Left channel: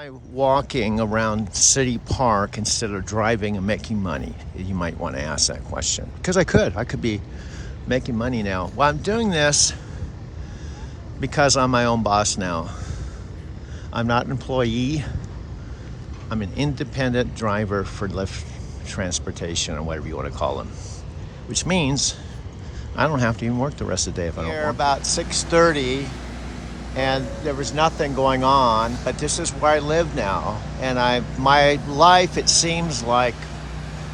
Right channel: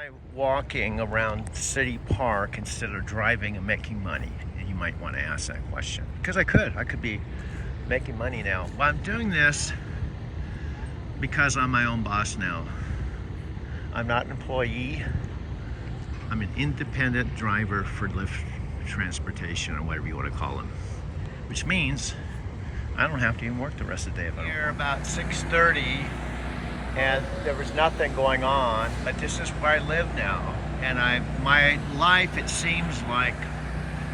I walking around City Park instead of driving and making money? You might want to ask that question. Because I could be making money now. Well, I'm doing this because I'm my own boss now. I'm not an employee. I'm an independent driver for Lyft Transportation, or whatever you want to call them. Which means I don't have to even work the rest of the day if I don't want. Here about 6:30. And there was nothing going on, but this is where I live now. And my life, it seems like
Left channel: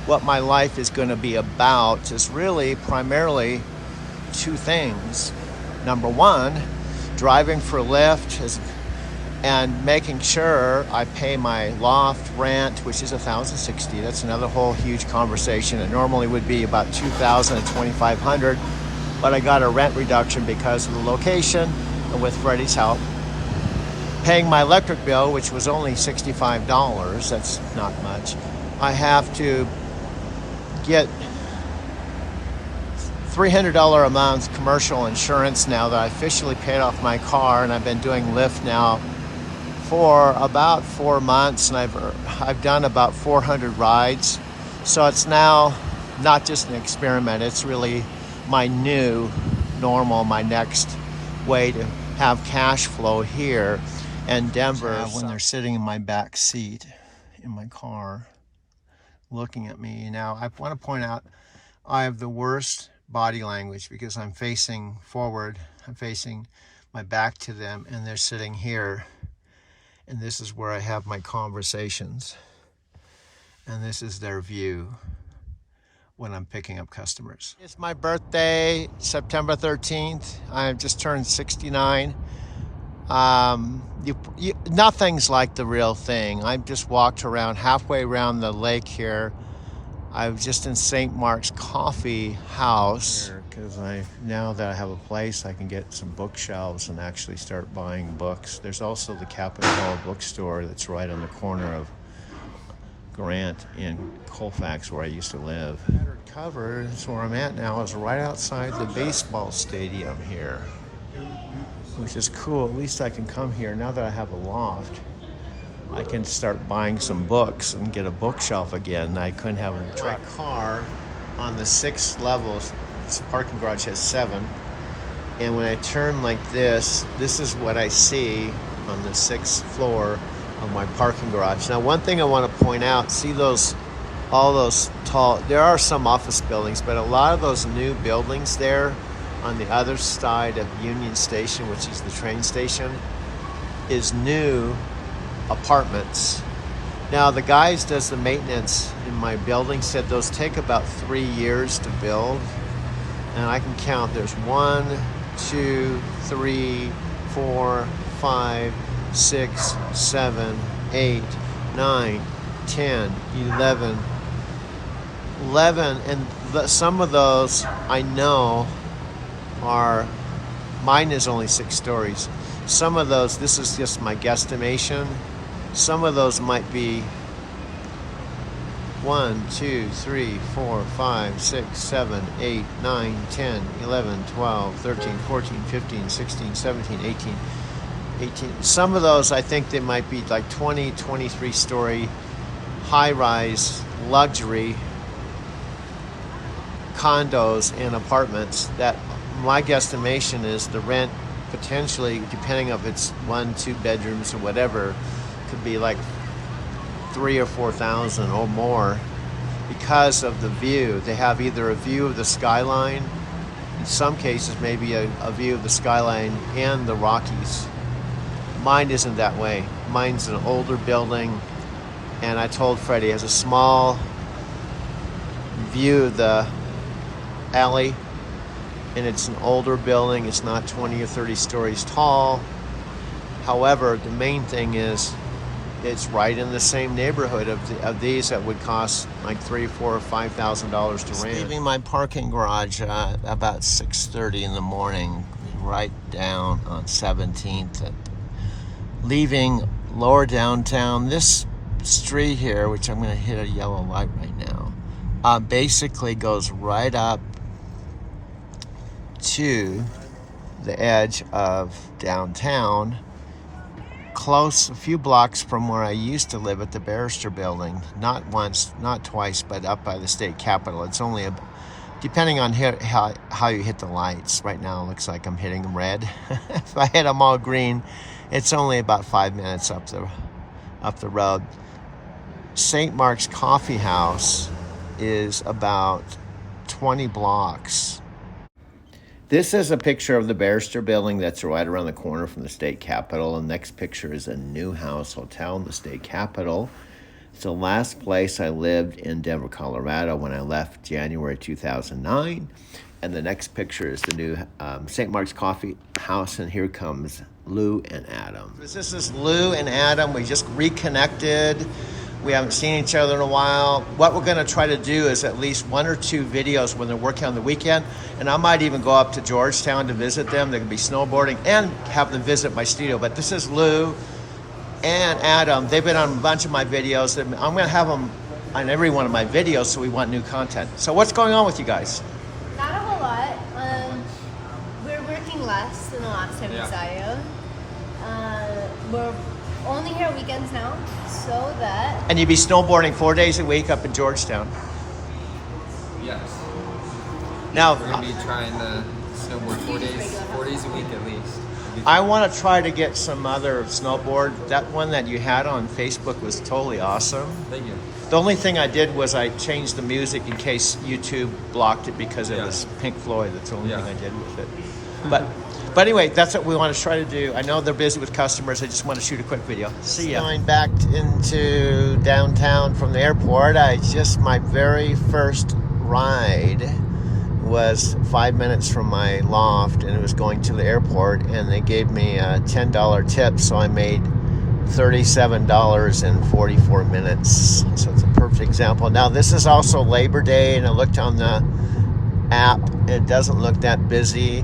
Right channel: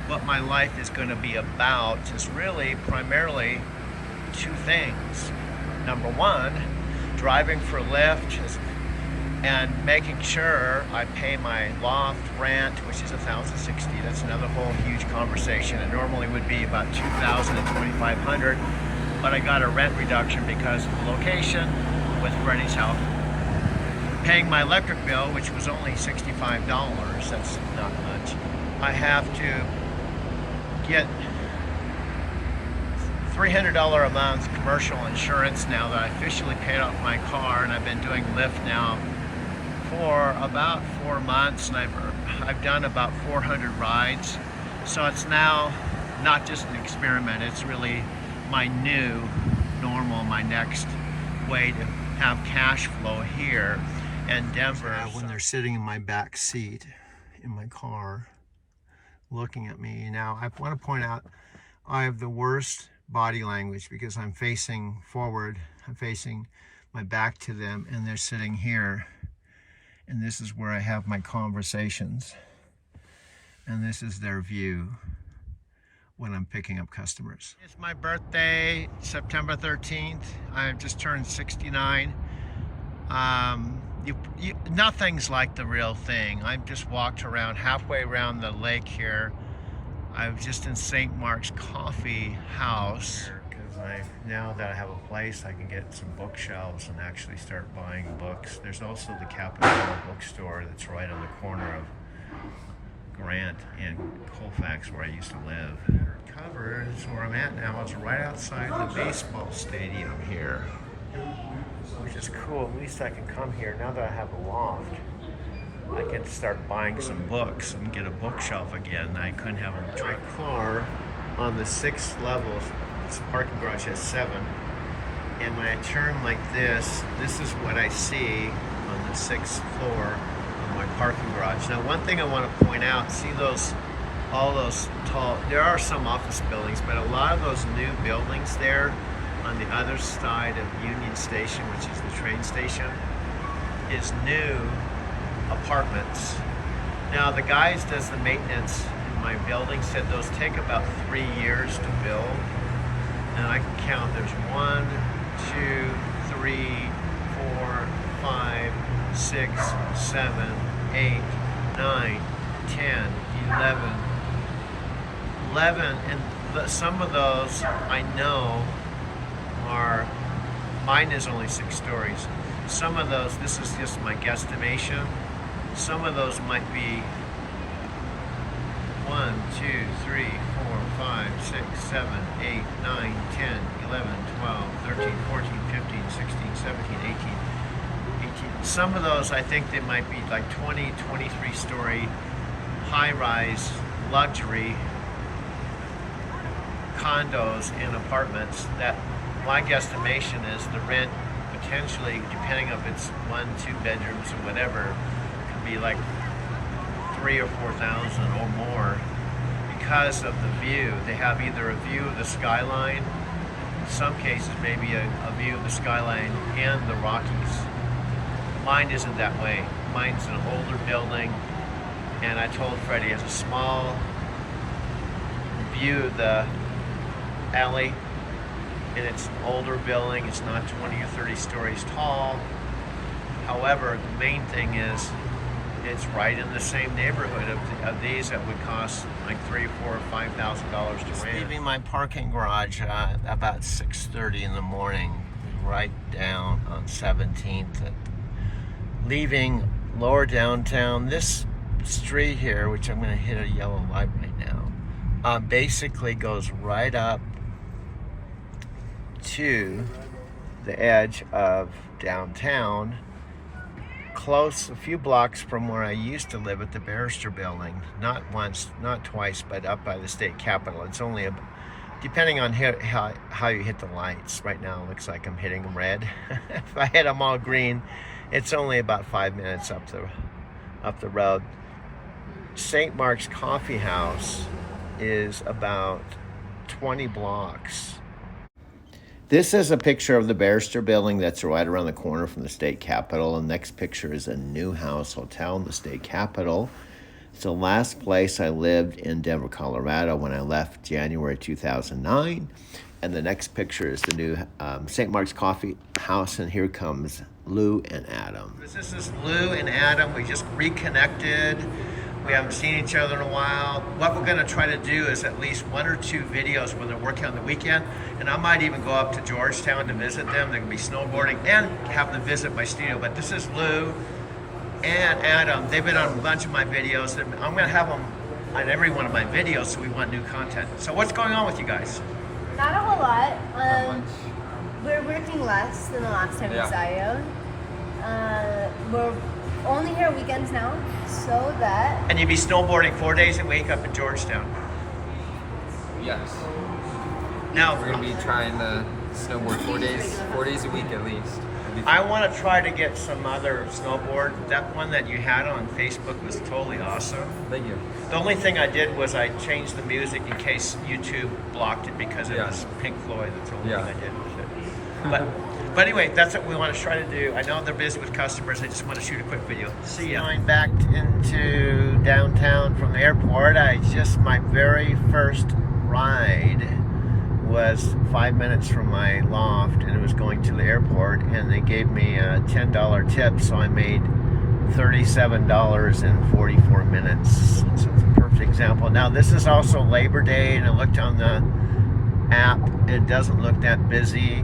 what my life is going to be about is really primarily two things. Number one, driving for Lyft and making sure I pay my loft rent, which is $1,060. That's another whole huge conversation. It normally would be about $2,000 and $2,500, but I got a rent reduction because of the location. With Freddie's help, paying my electric bill, which was only $65. That's not much. I have to get $300 a month commercial insurance now that I officially paid off my car, and I've been doing Lyft now for about 4 months, and I've done about 400 rides. So it's now not just an experiment, it's really my new normal, my next way to have cash flow here in Denver. When they're sitting in my back seat in my car looking at me. Now, I want to point out I have the worst body language because I'm facing forward, I'm facing my back to them, and they're sitting here, and this is where I have my conversations, and this is their view when I'm picking up customers. It's my birthday, September 13th. I've just turned 69. Nothing's like the real thing. I just walked around halfway around the lake here. I was just in St. Mark's Coffee House because now that I have a place, I can get some bookshelves and actually start buying books. There's also the Capitol Hill bookstore that's right on the corner of Grant in Colfax, where I used to live. Covered is where I'm at now, is right outside the baseball stadium here, which is cool. At least I can come here now that I have a loft. I can start buying some books and get a bookshelf again. I couldn't have a truck car on the 6th level. This parking garage has 7, and when I turn like this is what I see on the 6th floor of my parking garage. Now, one thing I want to point out, see all those tall, there are some office buildings, but a lot of those new buildings there on the other side of Union Station, which is the train station, is new apartments. Now, the guys does the maintenance in my building said those take about 3 years to build, and I can count, there's 1, 2, 3, 4, 5, 6, 7, 8, 9, 10, 11, and some of those I know are, mine is only 6 stories. Some of those, this is just my guesstimation, some of those might be 1, 2, 3, 4, 5, 6, 7, 8, 9, 10, 11, 12, 13, 14, 15, 16, 17, 18. Some of those, I think they might be like 20, 23 story high-rise luxury condos and apartments that my guesstimation is the rent potentially, depending if it's 1, 2 bedrooms or whatever, could be like $3,000 or $4,000 or more because of the view. They have either a view of the skyline, in some cases maybe a view of the skyline and the Rockies. Mine isn't that way. Mine's an older building, and I told Freddie it has a small view of the alley, and it's an older building. It's not 20 or 30 stories tall. However, the main thing is it's right in the same neighborhood of these that would cost like $3,000, $4,000, or $5,000 to rent. Leaving my parking garage about 6:30 in the morning, right down on 17th. Leaving lower downtown, this street here, which I'm going to hit a yellow light right now, basically goes right up to the edge of downtown, close, a few blocks from where I used to live at the Barrister Building. Not once, not twice, but up by the state capitol. It's only depending on how you hit the lights. Right now it looks like I'm hitting them red. If I hit them all green, it's only about 5 minutes up the road. St. Mark's Coffee House is about 20 blocks. This is a picture of the Barrister Building that's right around the corner from the state capitol. And the next picture is a New House Hotel in the state capitol. It's the last place I lived in Denver, Colorado when I left January 2009. And the next picture is the new St. Mark's Coffee House, and here comes Lou and Adam. This is Lou and Adam. We just reconnected. We haven't seen each other in a while. What we're gonna try to do is at least 1 or 2 videos when they're working on the weekend, and I might even go up to Georgetown to visit them. They can be snowboarding and have them visit my studio. But this is Lou and Adam. They've been on a bunch of my videos. I'm gonna have them on every one of my videos, so we want new content. So what's going on with you guys? Not a whole lot. We're working less than the last time we saw you. We're only here weekends now, so that... And you'd be snowboarding 4 days a week up in Georgetown. Yes. Now we're gonna be trying to snowboard 4 days a week at least. I want to try to get some other snowboard. That one that you had on Facebook was totally awesome. Thank you. The only thing I did was I changed the music in case YouTube blocked it because it was Pink Floyd. That's the only thing I did with it. But anyway, that's what we want to try to do. I know they're busy with customers. I just want to shoot a quick video. See ya. Going back into downtown from the airport, my very first ride was 5 minutes from my loft, and it was going to the airport, and they gave me a $10 tip, so I made $37 in 44 minutes. So it's a perfect example. Now this is also Labor Day, and I looked on the app. It doesn't look that busy,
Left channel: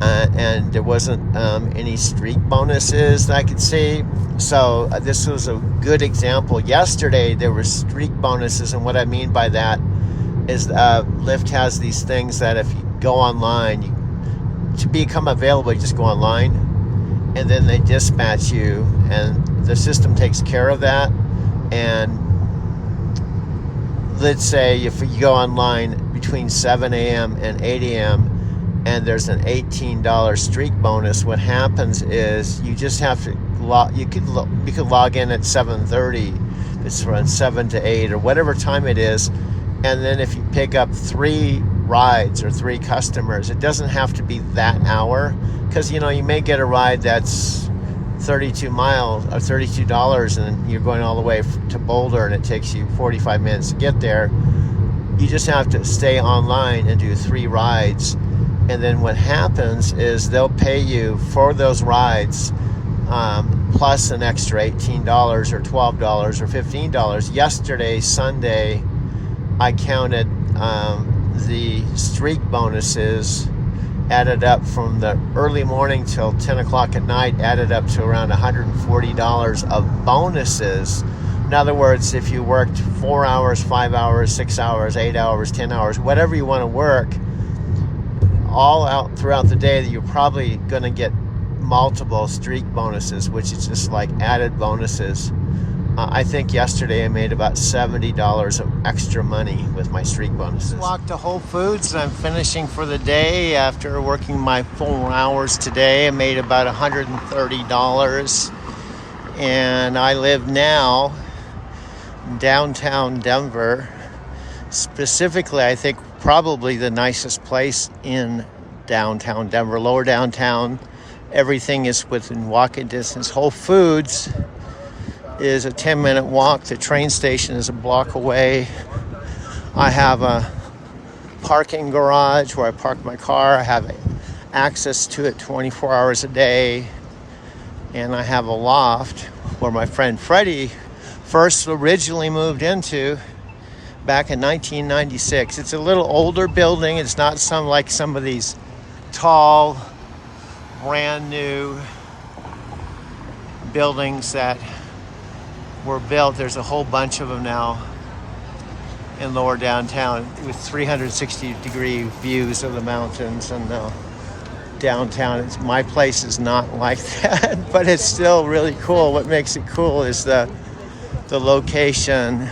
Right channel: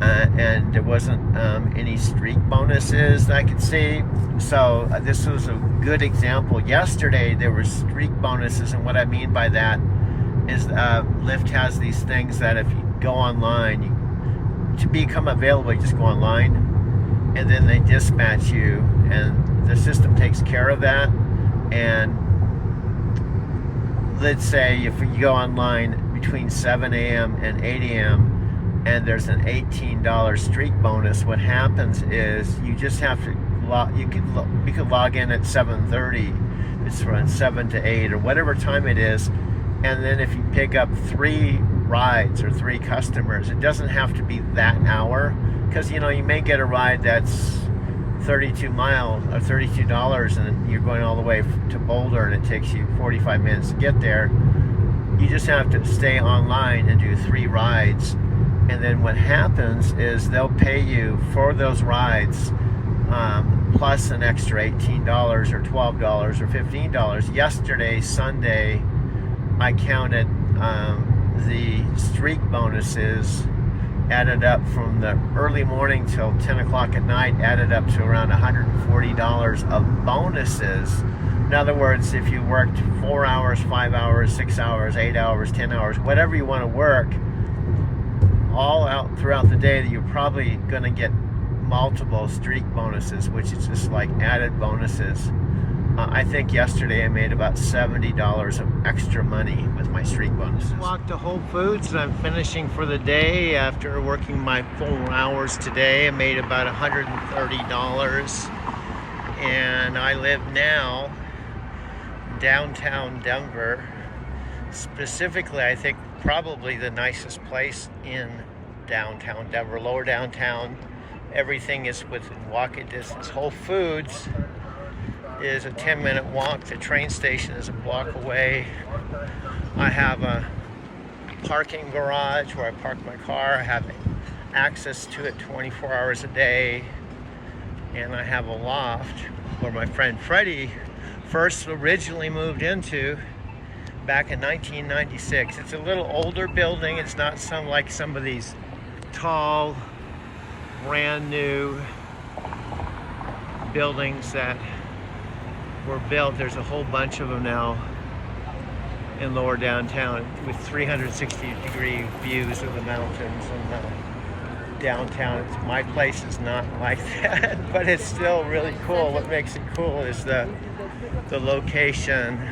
and there wasn't any streak bonuses that I could see. So this was a good example. Yesterday there were streak bonuses, and what I mean by that is Lyft has these things that if you go online, to become available, you just go online, and then they dispatch you, and the system takes care of that. And let's say if you go online between 7 a.m. and 8 a.m. and there's an $18 streak bonus, what happens is you just have to you can log in at 7:30. It's from 7 to 8 or whatever time it is. And then if you pick up 3 rides or 3 customers, it doesn't have to be that hour, because you may get a ride that's 32 miles or $32 and you're going all the way to Boulder and it takes you 45 minutes to get there. You just have to stay online and do 3 rides, and then what happens is they'll pay you for those rides plus an extra $18 or $12 or $15. Yesterday, Sunday, I counted the streak bonuses added up from the early morning till 10 o'clock at night, added up to around $140 of bonuses. In other words, if you worked 4 hours, 5 hours, 6 hours, 8 hours, 10 hours, whatever you want to work, all out throughout the day, that you're probably going to get multiple streak bonuses, which is just like added bonuses. I think yesterday I made about $70 of extra money with my streak bonuses. Walked to Whole Foods, and I'm finishing for the day after working my 4 hours today. I made about $130, and I live now in downtown Denver. Specifically, I think probably the nicest place in downtown Denver, lower downtown. Everything is within walking distance. Whole Foods is a 10-minute walk. The train station is a block away. I have a parking garage where I park my car. I have access to it 24 hours a day. And I have a loft where my friend Freddie first originally moved into back in 1996. It's a little older building. It's not some of these tall, brand new buildings that were built. There's a whole bunch of them now in lower downtown with 360-degree views of the mountains and downtown. My place is not like that, but it's still really cool. What makes it cool is the location,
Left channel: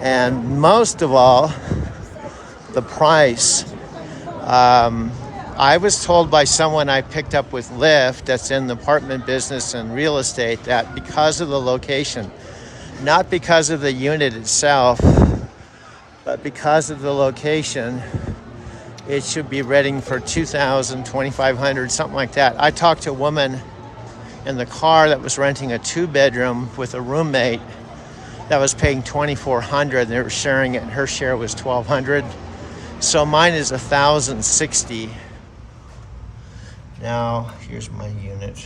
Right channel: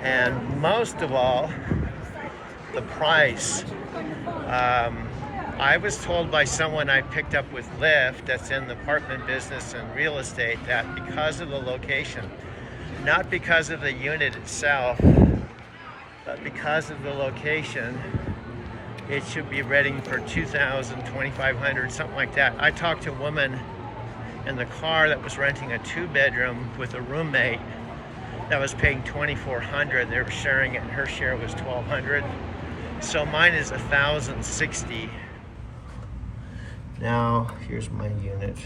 and most of all, the price. I was told by someone I picked up with Lyft that's in the apartment business and real estate that because of the location, not because of the unit itself, but because of the location, it should be renting for $2,000, $2,500, something like that. I talked to a woman in the car that was renting a 2-bedroom with a roommate that was paying $2,400. They were sharing it, and her share was $1,200. So mine is $1,060. Now, here's my unit.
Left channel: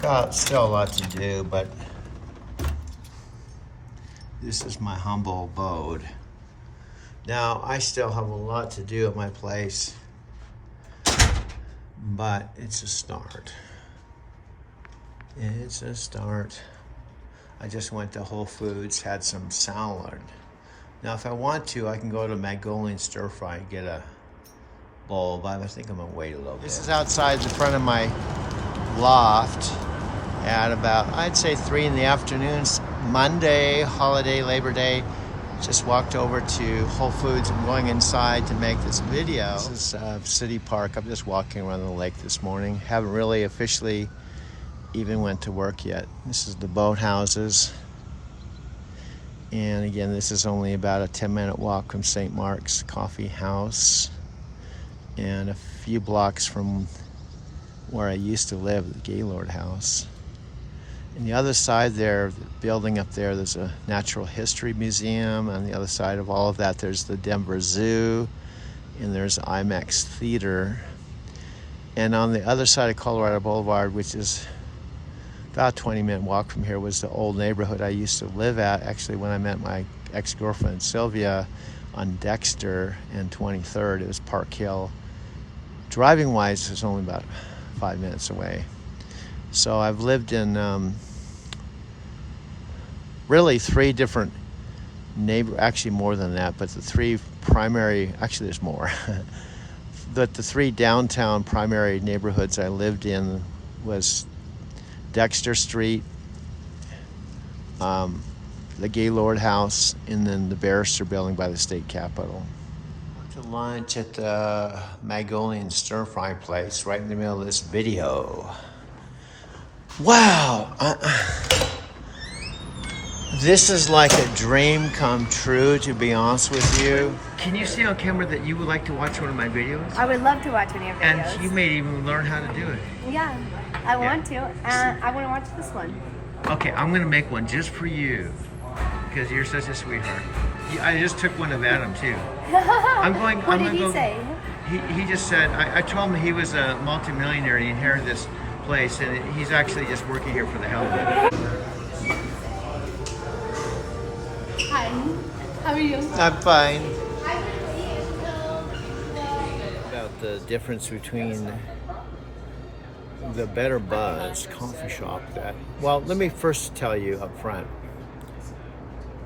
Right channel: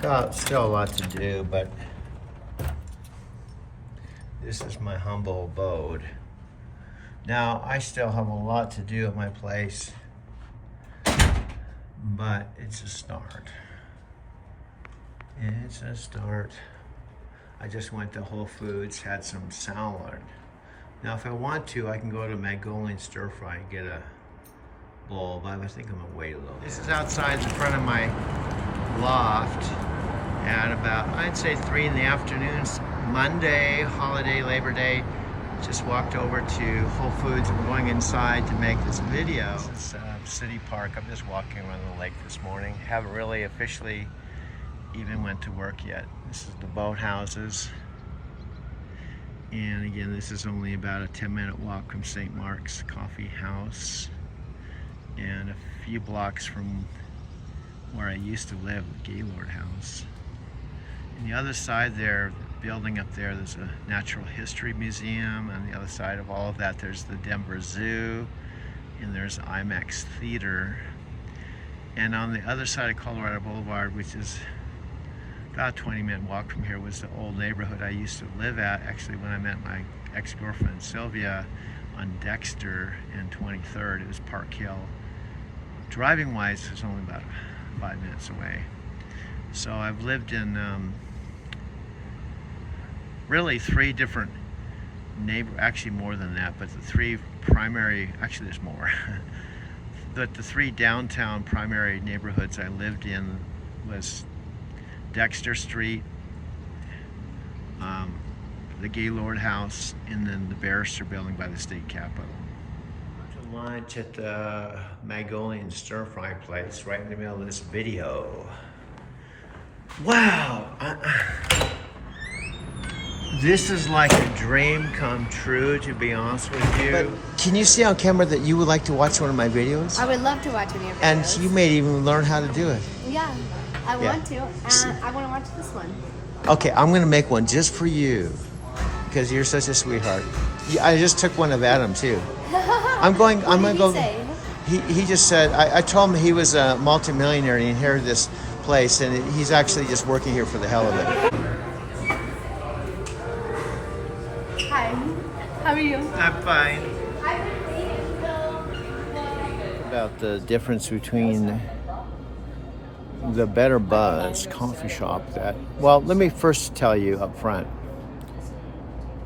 Got still a lot to do, but this is my humble abode. Now, I still have a lot to do at my place, but it's a start. It's a start. I just went to Whole Foods, had some salad. Now, if I want to, I can go to Mongolian Stir Fry and get a bowl, but I think I'm gonna wait a little bit. This is outside the front of my loft at about, I'd say 3 in the afternoon, Monday, holiday, Labor Day. Just walked over to Whole Foods. I'm going inside to make this video. This is City Park. I'm just walking around the lake this morning. Haven't really officially even went to work yet. This is the boathouses. And again, this is only about a 10-minute walk from St. Mark's Coffee House and a few blocks from where I used to live, the Gaylord House. On the other side there, the building up there, there's a natural history museum. On the other side of all of that, there's the Denver Zoo, and there's IMAX Theater. And on the other side of Colorado Boulevard, which is about a 20-minute walk from here, was the old neighborhood I used to live at, actually, when I met my ex-girlfriend Sylvia on Dexter and 23rd. It was Park Hill. Driving-wise, it was only about 5 minutes away. So I've lived in really 3 different actually more than that, but the 3 primary, actually there's more, but the 3 downtown primary neighborhoods I lived in was Dexter Street, the Gaylord House, and then the Barrister Building by the State Capitol. To lunch at the Mongolian Stir Fry place right in the middle of this video. Wow! This is like a dream come true, to be honest with you. Can you see on camera that you would like to watch one of my videos? I would love to watch one of your videos. And you may even learn how to do it. Yeah, I want to. And I want to watch this one. Okay, I'm gonna make one just for you, because you're such a sweetheart. I just took one of Adam too. I'm going. What I'm did gonna he go. say? He just said. I told him he was a multimillionaire and he inherited this place, and he's actually just working here for the hell of it. Hi. How are you? I'm fine. About the difference between the Better Buzz coffee shop that, well, let me first tell you up front.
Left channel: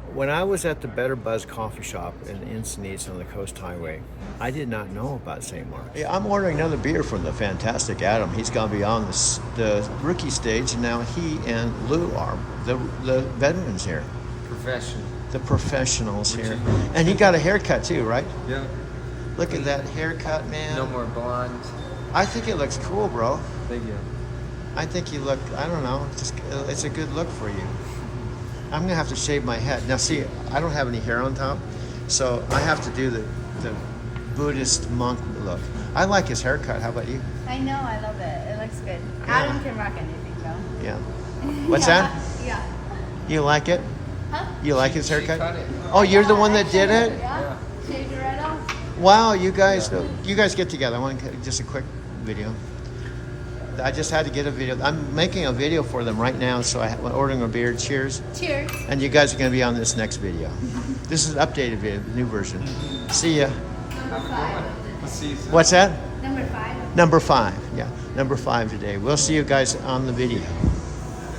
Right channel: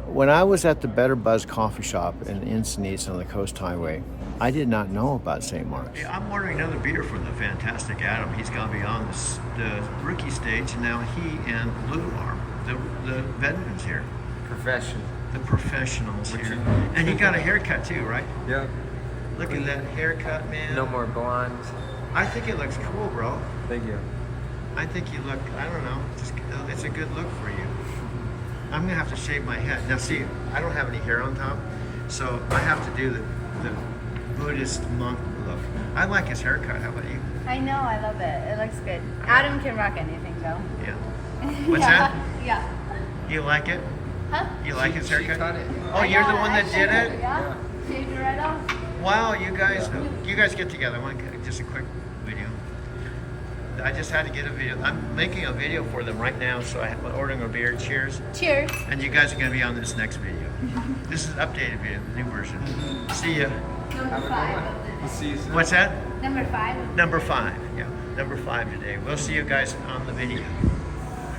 When I was at the Better Buzz coffee shop in Encinitas on the Coast Highway, I did not know about St. Mark's. Yeah, I'm ordering another beer from the fantastic Adam. He's gonna be on the rookie stage, and now he and Lou are the veterans here. Professional. The professionals here. And he got a haircut too, right? Yeah. Look at that haircut, man. No more blonde. I think it looks cool, bro. Thank you. I think you look, I don't know, it's a good look for you. I'm gonna have to shave my head. Now see, I don't have any hair on top, so I have to do the Buddhist monk look. I like his haircut, how about you? I know, I love it. It looks good. Adam can rock anything though. Yeah. What's that? Yeah. You like it? Huh? You like his haircut? cut it. Oh, you're the one that did it? Yeah. Shaved it right off. Wow, you guys get together. I want to get just a quick video. I just had to get a video. I'm making a video for them right now, so I'm ordering a beer. Cheers. Cheers. And you guys are going to be on this next video. This is an updated video, the new version. See ya. Number 5. What's that? Number 5. Number 5. Yeah, number 5 today. We'll see you guys on the video.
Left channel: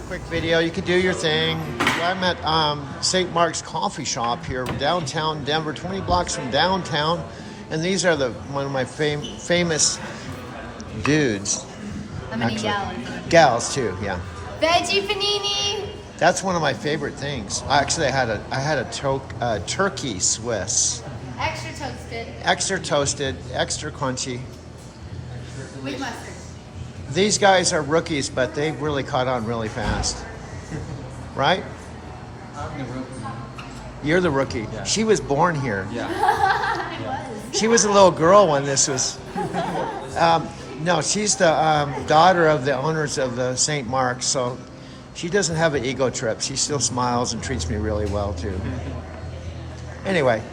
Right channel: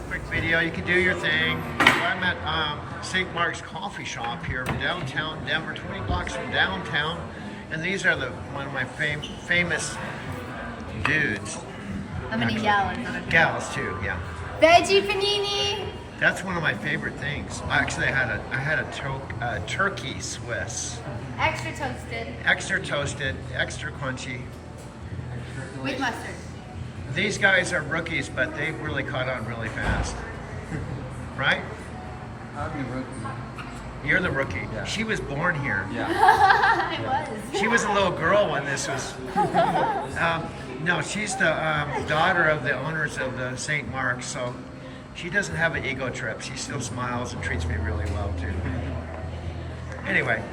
Quick video. You can do your thing. I'm at St. Mark's Coffee Shop here in downtown Denver, 20 blocks from downtown. And these are one of my famous dudes. How many gallons? Gals too, yeah. Veggie panini. That's one of my favorite things. Actually, I had a turkey Swiss. Extra toasted. Extra toasted, extra crunchy. With mustard. These guys are rookies, but they've really caught on really fast. Right? I'm the rookie. You're the rookie. Yeah. She was born here. Yeah. I was. She was a little girl when this was. No, she's the daughter of the owners of the St. Mark's, so she doesn't have an ego trip. She still smiles and treats me really well too. Anyway,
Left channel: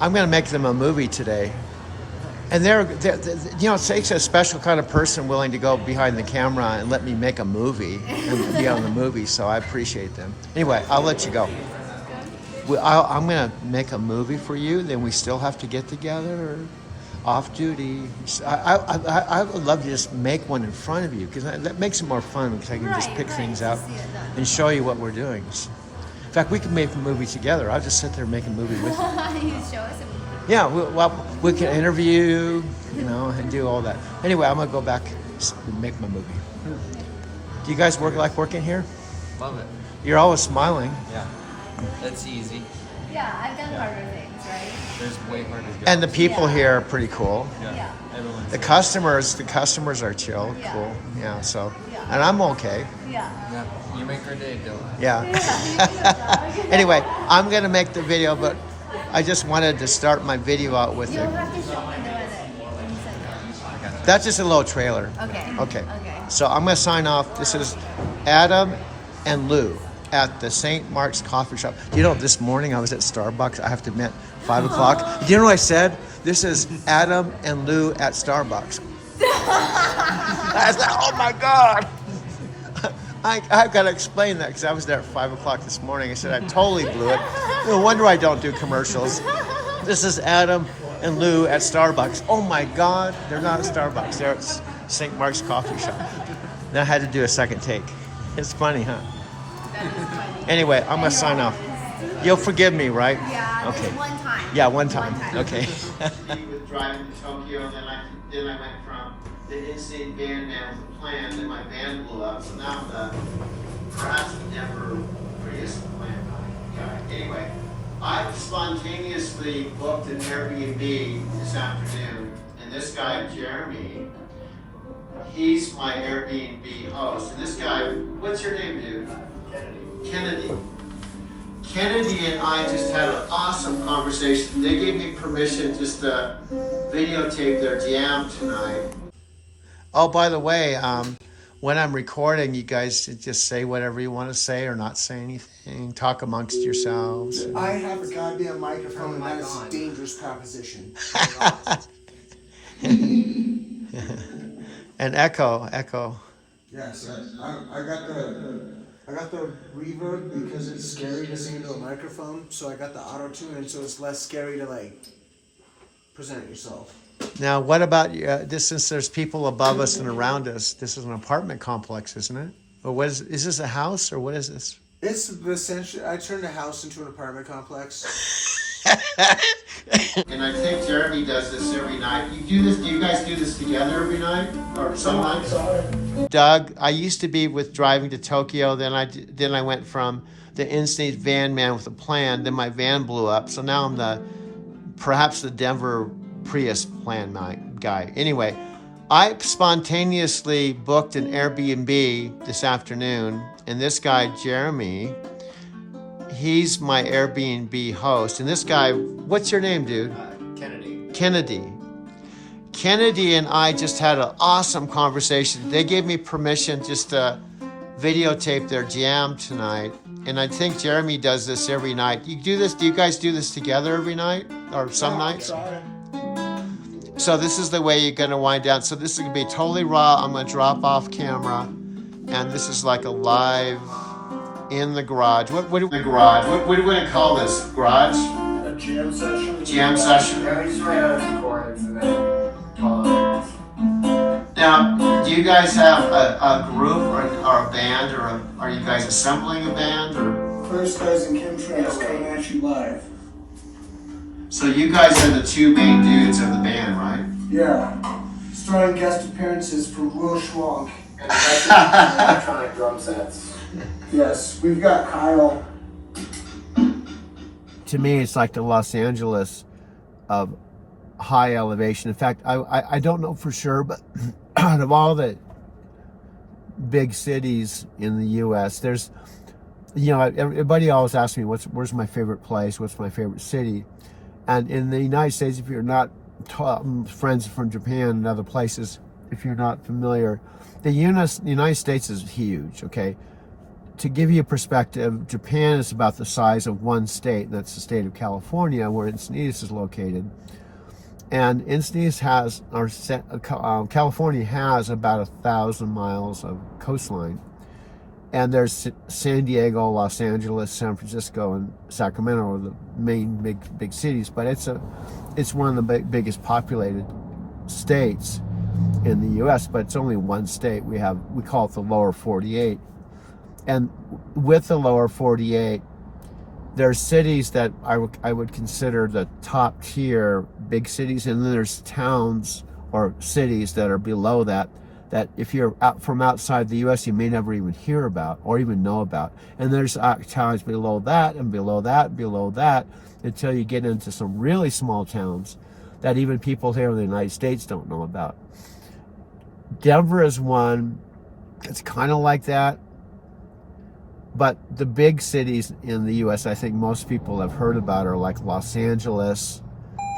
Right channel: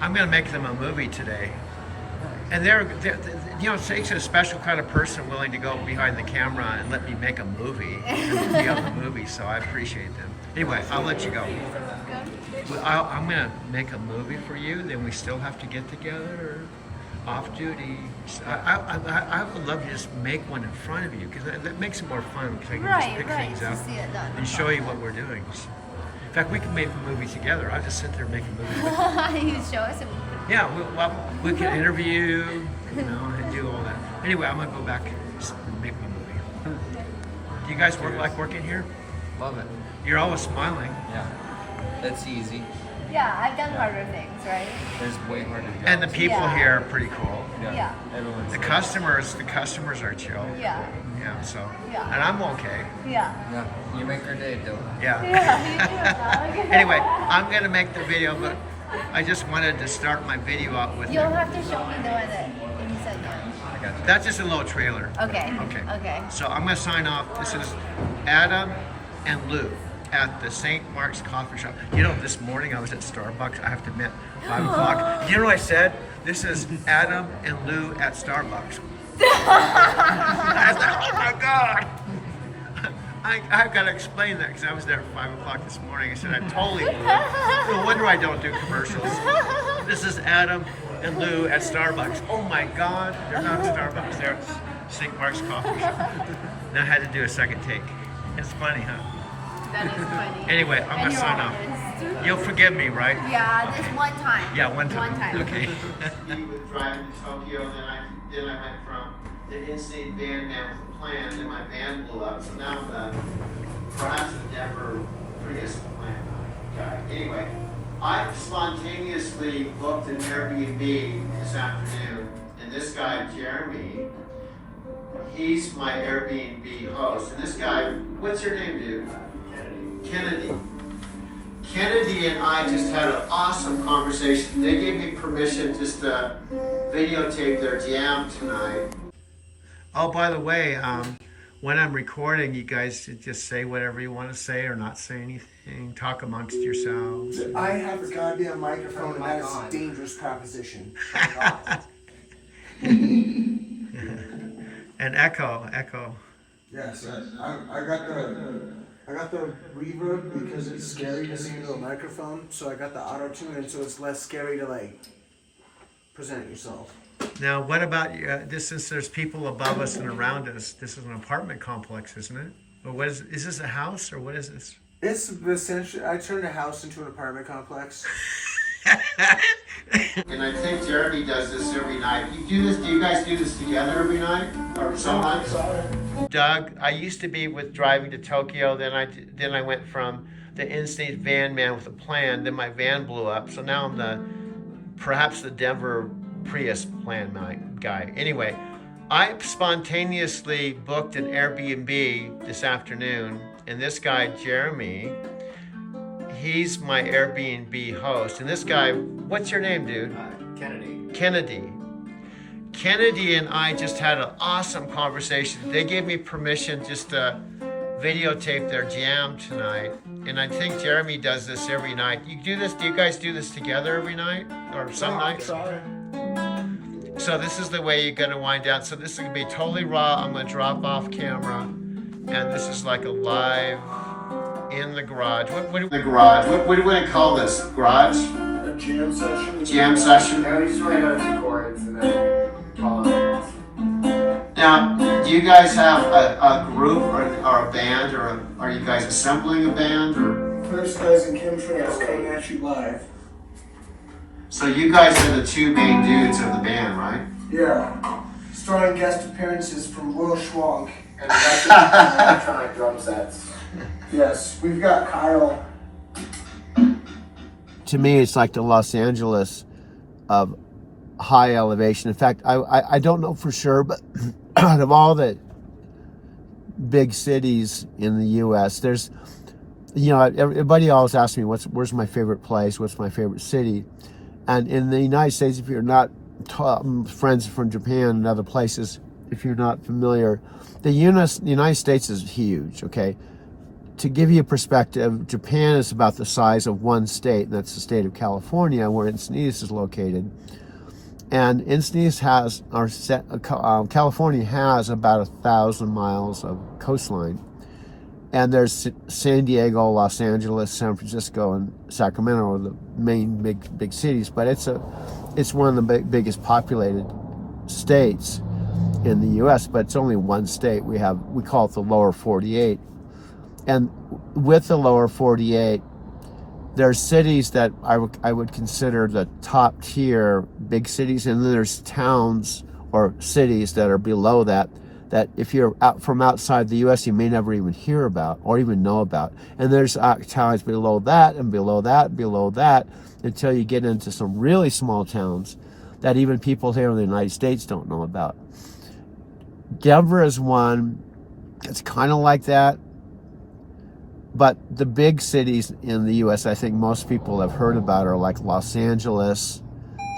I'm going to make them a movie today. And they're, you know, it takes a special kind of person willing to go behind the camera and let me make a movie and be on the movie, so I appreciate them. Anyway, I'll let you go. I'm going to make a movie for you, then we still have to get together off duty. I would love to just make one in front of you, because that makes it more fun, because I can just pick things up and show you what we're doing. In fact, we can make a movie together. I'll just sit there and make a movie with you. You show us. Yeah, we can interview, you know, and do all that. Anyway, I'm gonna go back and make my movie. Do you guys like working here? Love it. You're always smiling. Yeah. That's easy. Yeah, I've done harder things, right? There's way harder jobs. And the people Yeah. here are pretty cool. Yeah. Everyone's The customers are chill, Yeah. cool. Yeah, so, Yeah. and I'm okay. Yeah. Yeah. You make our day, Dylan. Yeah. Yeah, you do, dog. Anyway, I'm gonna make the video, but I just wanted to start my video out with You'll it. have to show me the one that you said no. That's just a little trailer. Okay. Okay. Okay. So I'm gonna sign off. This is Adam and Lou at the St. Mark's Coffee Shop. You know, this morning I was at Starbucks. I have to admit, 5 o'clock. You know what I said? This is Adam and Lou at Starbucks. I was like, oh my God. I've got to explain that, because I was there at 5 o'clock this morning. I said, I totally blew it. No wonder I don't do commercials. This is Adam and Lou at Starbucks. Oh my God, they're not at Starbucks, they're at St. Mark's Coffee Shop. Now I had to do a second take. It's funny, huh? That is funny. Anyway, I'm And gonna you're sign off. honest. You'll forgive me, right? Yeah, Okay. just one time. Yeah, one time. One time. Okay. With driving to Tokyo, then I went from the in-state van man with a plan, then my van blew up, so now I'm perhaps the Denver Prius plan guy. Anyway, I spontaneously booked an Airbnb this afternoon, and this guy, Jeremy, he's my Airbnb host. And this guy, what's your name, dude? Kennedy. Kennedy and I just had an awesome conversation. They gave me permission just to videotape their jam tonight. Oh, by the way, when I'm recording, you guys just say whatever you want to say or not say anything. Talk amongst yourselves. I have a goddamn microphone, and that is a dangerous proposition. And echo. Yes, I got the reverb because it's scary to sing into a microphone, so I got the auto tune, and so it's less scary to like present yourself. Now, what about this? Since there's people above us and around us, this is an apartment complex, isn't it? Or what is this a house, or what is this? It's essentially, I turned a house into an apartment complex. And I think Jeremy does this every night. You do this? Do you guys do this together every night, or some nights? Doug, I used to be with driving to Tokyo. Then I went from the in-state van man with a plan. Then my van blew up. So now I'm perhaps the Denver Prius plan guy. Anyway, I spontaneously booked an Airbnb this afternoon, and this guy Jeremy, he's my Airbnb host. And this guy, what's your name, dude? Kennedy. Kennedy and I just had an awesome conversation. They gave me permission just to videotape their jam tonight. And I think Jeremy does this every night. You do this? Do you guys do this together every night? Or some nights? So this is the way you're gonna wind down. So this is gonna be totally raw. I'm gonna drop off camera. And this is like a live in the garage. What do we gonna call this? Garage? A jam session. Jam session. Yeah, we just write out the chords and then call it. Now, do you guys have a group or a band, or are you guys assembling a band? Or First, guys and chemtrails coming at you live. So you guys are the two main dudes of the band, right? Yeah. Starring guest appearances from Will Schwank. And electronic drum sets. Yes, we've got Kyle. To me, it's like the Los Angeles of high elevation. In fact, I don't know for sure, but out of all the big cities in the U.S., there's, you know, everybody always asks me, where's my favorite place? What's my favorite city? And in the United States, if you're not friends from Japan and other places, if you're not familiar, the United States is huge, okay? To give you a perspective, Japan is about the size of one state, and that's the state of California, where Encinitas is located. And Encinitas has, California has about 1,000 miles of coastline. And there's San Diego, Los Angeles, San Francisco, and Sacramento are the main big cities. But it's one of the biggest populated states in the U.S. But it's only one state. We call it the Lower 48. And with the Lower 48, there's cities that I would consider the top tier big cities, and then there's towns or cities that are below that if you're out from outside the U.S. you may never even hear about or even know about. And there's towns below that and below that and below that until you get into some really small towns that even people here in the United States don't know about. Denver is one. It's kind of like that. But the big cities in the U.S. I think most people have heard about are like Los Angeles,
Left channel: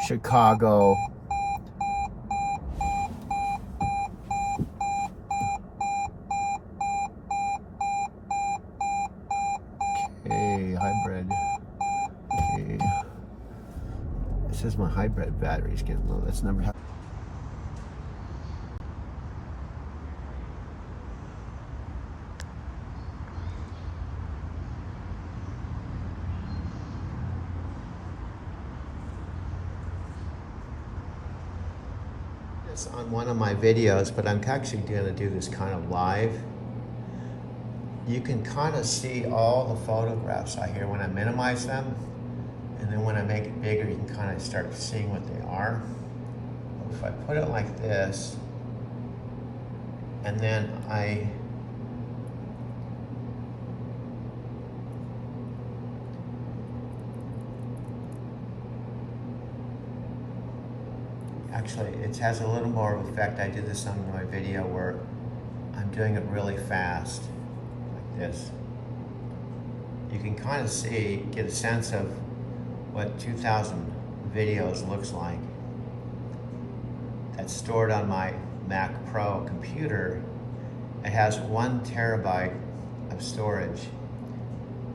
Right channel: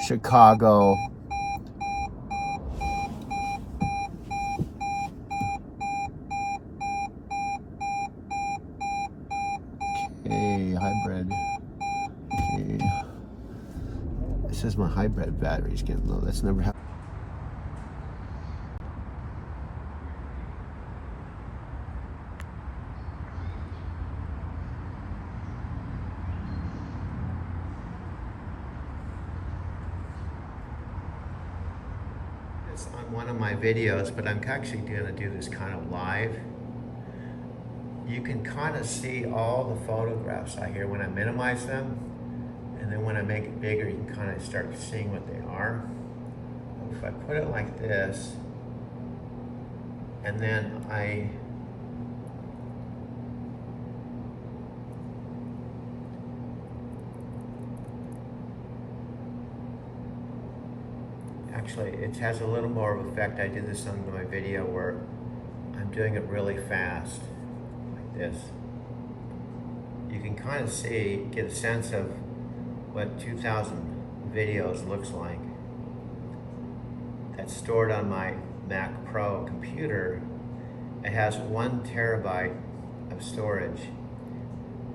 Chicago. Okay, hybrid. Okay. It says my hybrid battery's getting low. That's never happened. On one of my videos, but I'm actually going to do this kind of live. You can kind of see all the photographs out here when I minimize them, and then when I make it bigger you can kind of start seeing what they are. But if I put it like this, and then actually, it has a little more of effect. I did this on my video where I'm doing it really fast, like this. You can kind of see, get a sense of what 2,000 videos looks like. That's stored on my Mac Pro computer. It has 1 terabyte of storage.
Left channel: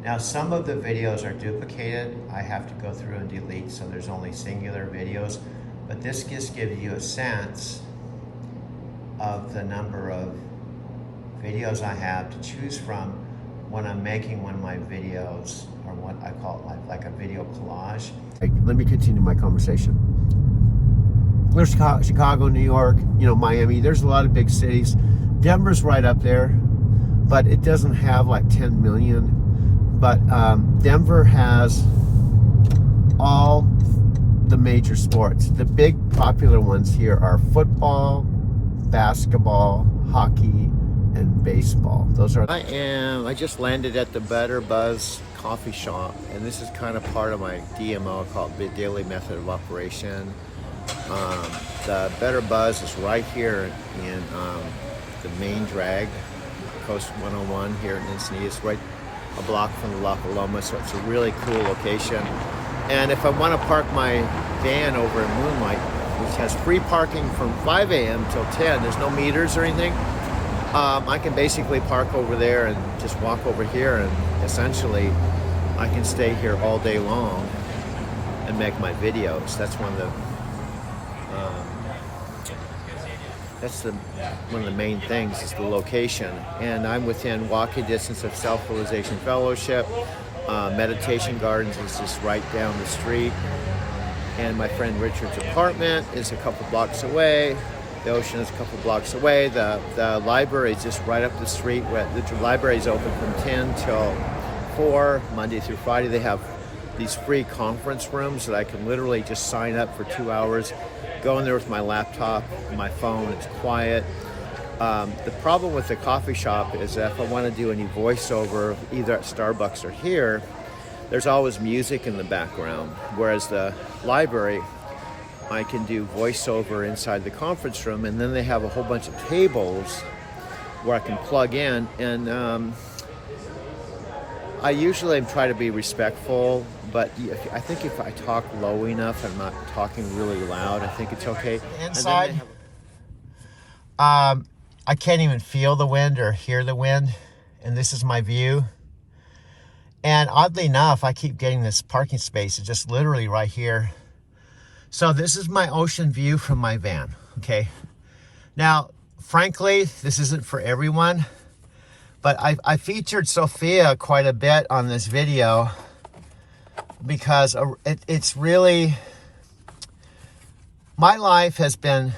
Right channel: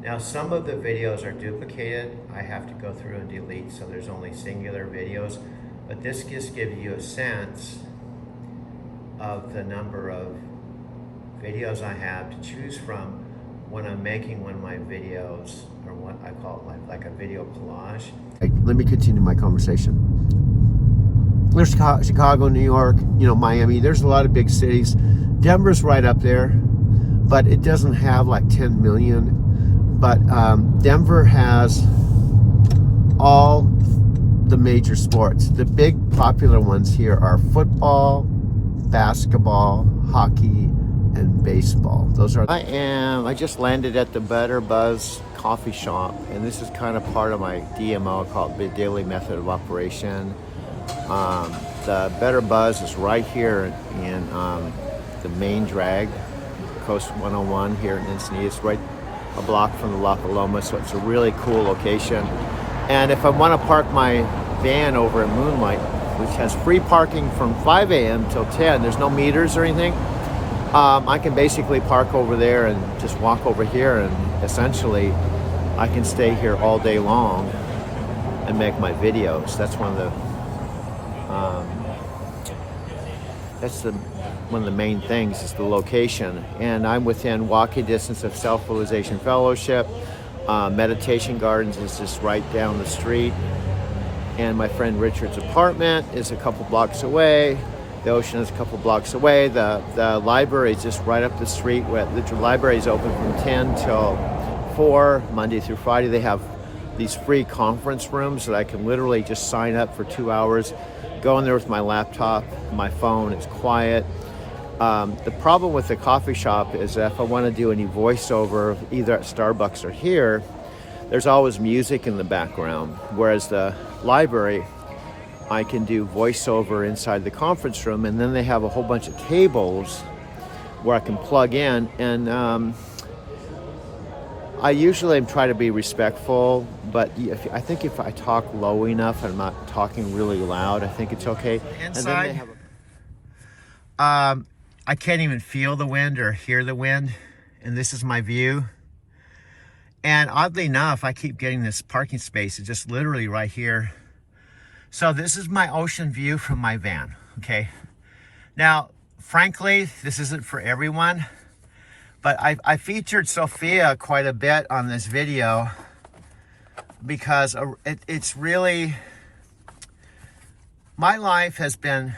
Now, some of the videos are duplicated. I have to go through and delete, so there's only singular videos. But this just gives you a sense of the number of videos I have to choose from when I'm making one of my videos, or what I call it like a video collage. Let me continue my conversation. There's Chicago, New York, Miami. There's a lot of big cities. Denver's right up there, but it doesn't have like 10 million. But Denver has all the major sports. The big popular ones here are football, basketball, hockey, and baseball. Those are. I just landed at the Better Buzz coffee shop, and this is kind of part of my DMO called the Daily Method of Operation. The Better Buzz is right here in the main drag, Coast 101 here in Encinitas, right a block from the La Paloma, so it's a really cool location. And if I want to park my van over at Moonlight, which has free parking from 5 a.m. till 10, there's no meters or anything, I can basically park over there and just walk over here, and essentially I can stay here all day long and make my videos. That's one of the main things is the location. And I'm within walking distance of Self-Realization Fellowship. Meditation Gardens is just right down the street, and my friend Richard's apartment is a couple blocks away. The ocean is a couple blocks away. The library is just right up the street. The library is open from 10 till 4, Monday through Friday. They have these free conference rooms that I can literally just sign up for 2 hours, go in there with my laptop, my phone, it's quiet. The problem with the coffee shop is that if I want to do any voiceover, either at Starbucks or here, there's always music in the background. Whereas the library, I can do voiceover inside the conference room, and then they have a whole bunch of tables where I can plug in. And I usually try to be respectful, but I think if I talk low enough and I'm not talking really loud, I think it's okay. Inside, I can't even feel the wind or hear the wind, and this is my view. And oddly enough, I keep getting this parking space. It's just literally right here. So this is my ocean view from my van, okay? Now, frankly, this isn't for everyone, but I featured Sophia quite a bit on this video because it's really, my life has been,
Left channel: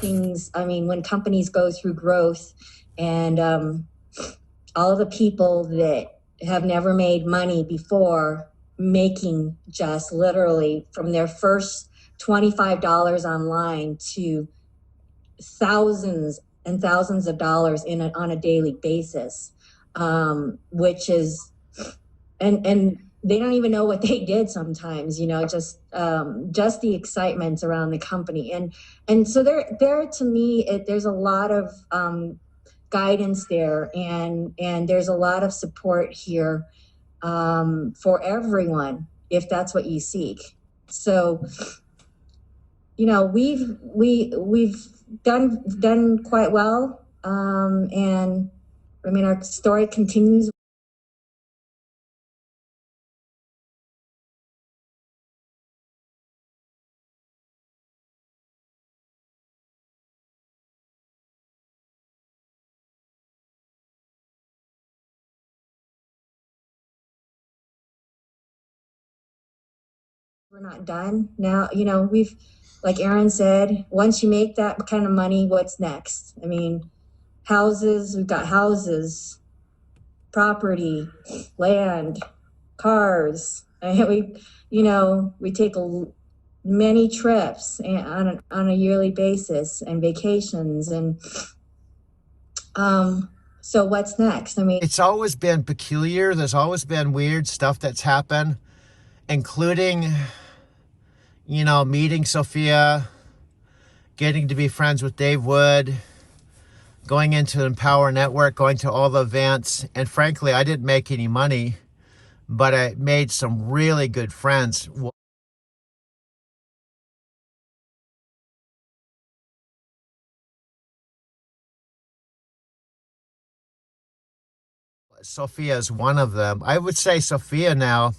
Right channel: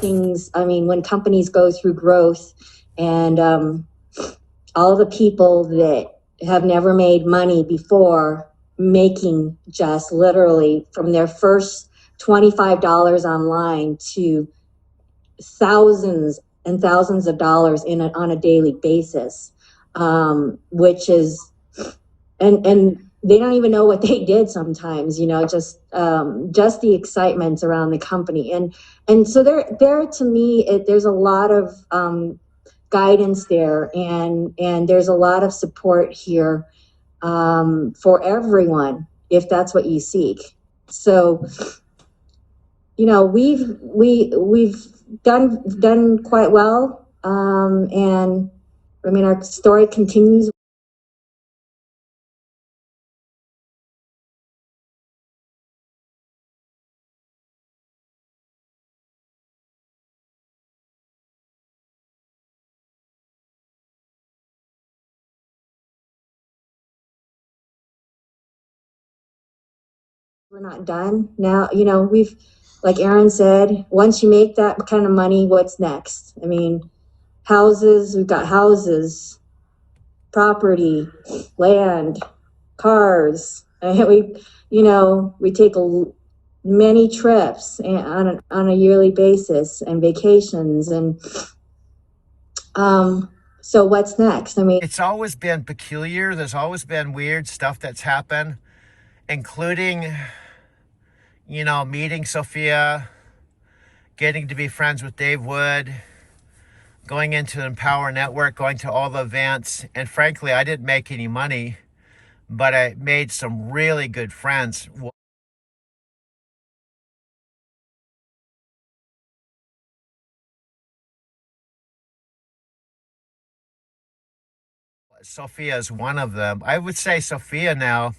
things, I mean, when companies go through growth and all the people that have never made money before making just literally from their first $25 online to thousands and thousands of dollars on a daily basis, which is, and they don't even know what they did sometimes, you know, just the excitement around the company. And so there to me, there's a lot of guidance there, and there's a lot of support here for everyone, if that's what you seek. So, you know, we've done quite well. And I mean, our story continues. We're not done now. You know, we've, like Aaron said, once you make that kind of money, what's next? I mean, houses, we've got houses, property, land, cars. And we take many trips on a yearly basis and vacations. And so what's next? I mean, it's always been peculiar. There's always been weird stuff that's happened, including, you know, meeting Sophia, getting to be friends with Dave Wood, going into the Empower Network, going to all the events. And frankly, I didn't make any money, but I made some really good friends. Sophia is one of them. I would say Sophia now,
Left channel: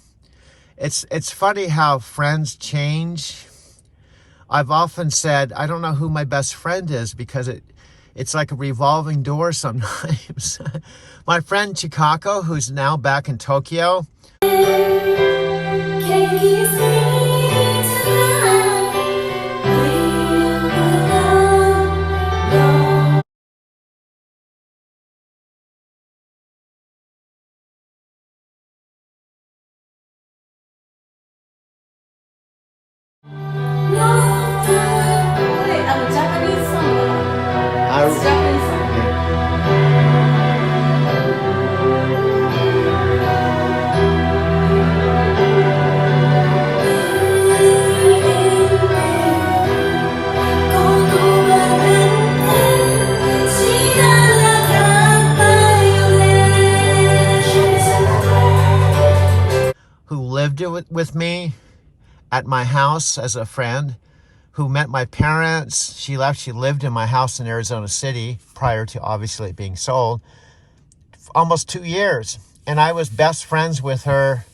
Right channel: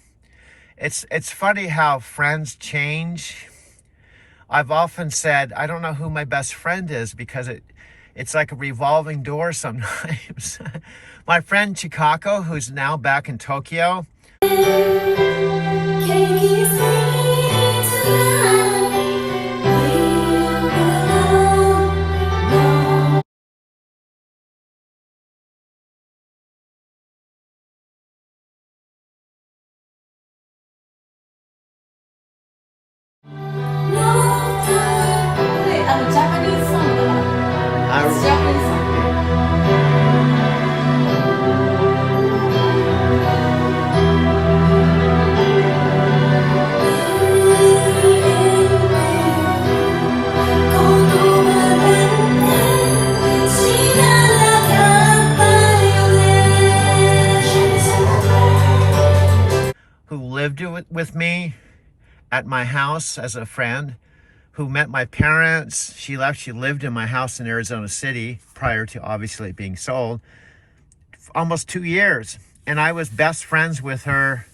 it's funny how friends change. I've often said, I don't know who my best friend is because it's like a revolving door sometimes. My friend Chikako, who's now back in Tokyo. Japanese song. It's Japanese song. Who with me at my house as a friend who met my parents. She lived in my house in Arizona City prior to obviously it being sold. Almost 2 years. And I was best friends with her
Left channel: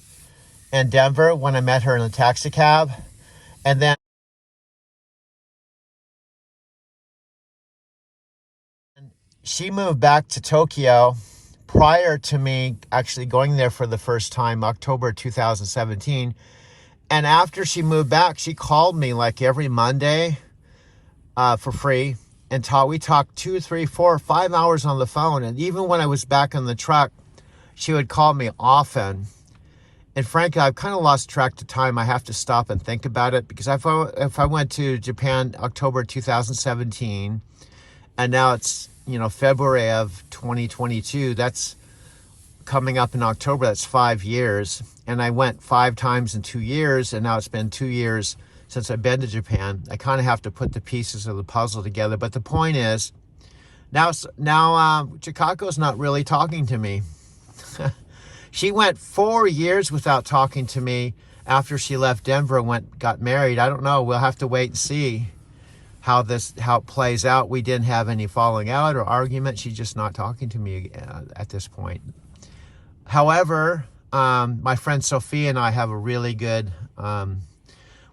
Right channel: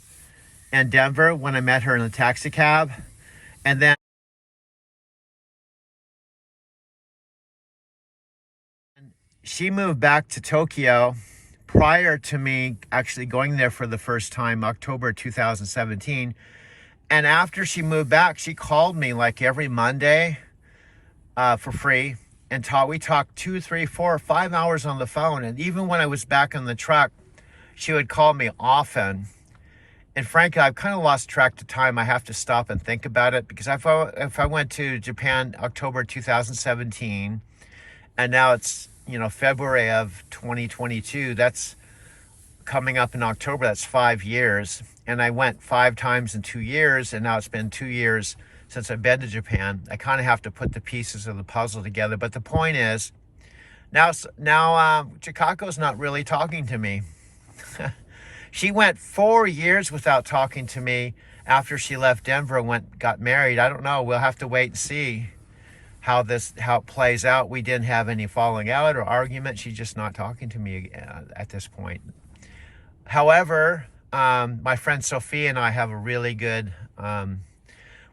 in Denver when I met her in the taxi cab. And then she moved back to Tokyo prior to me actually going there for the first time, October 2017. And after she moved back, she called me like every Monday for free. And we talked 2, 3, 4, 5 hours on the phone. And even when I was back on the truck, she would call me often. And frankly, I've kind of lost track of time. I have to stop and think about it, because if I went to Japan October 2017, and now it's, you know, February of 2022, that's coming up in October, that's 5 years. And I went 5 times in 2 years, and now it's been 2 years since I've been to Japan. I kind of have to put the pieces of the puzzle together. But the point is, now Chikako's not really talking to me. She went 4 years without talking to me after she left Denver and got married. I don't know. We'll have to wait and see how it plays out. We didn't have any falling out or argument. She's just not talking to me at this point. However, my friend Sophia and I have a really good,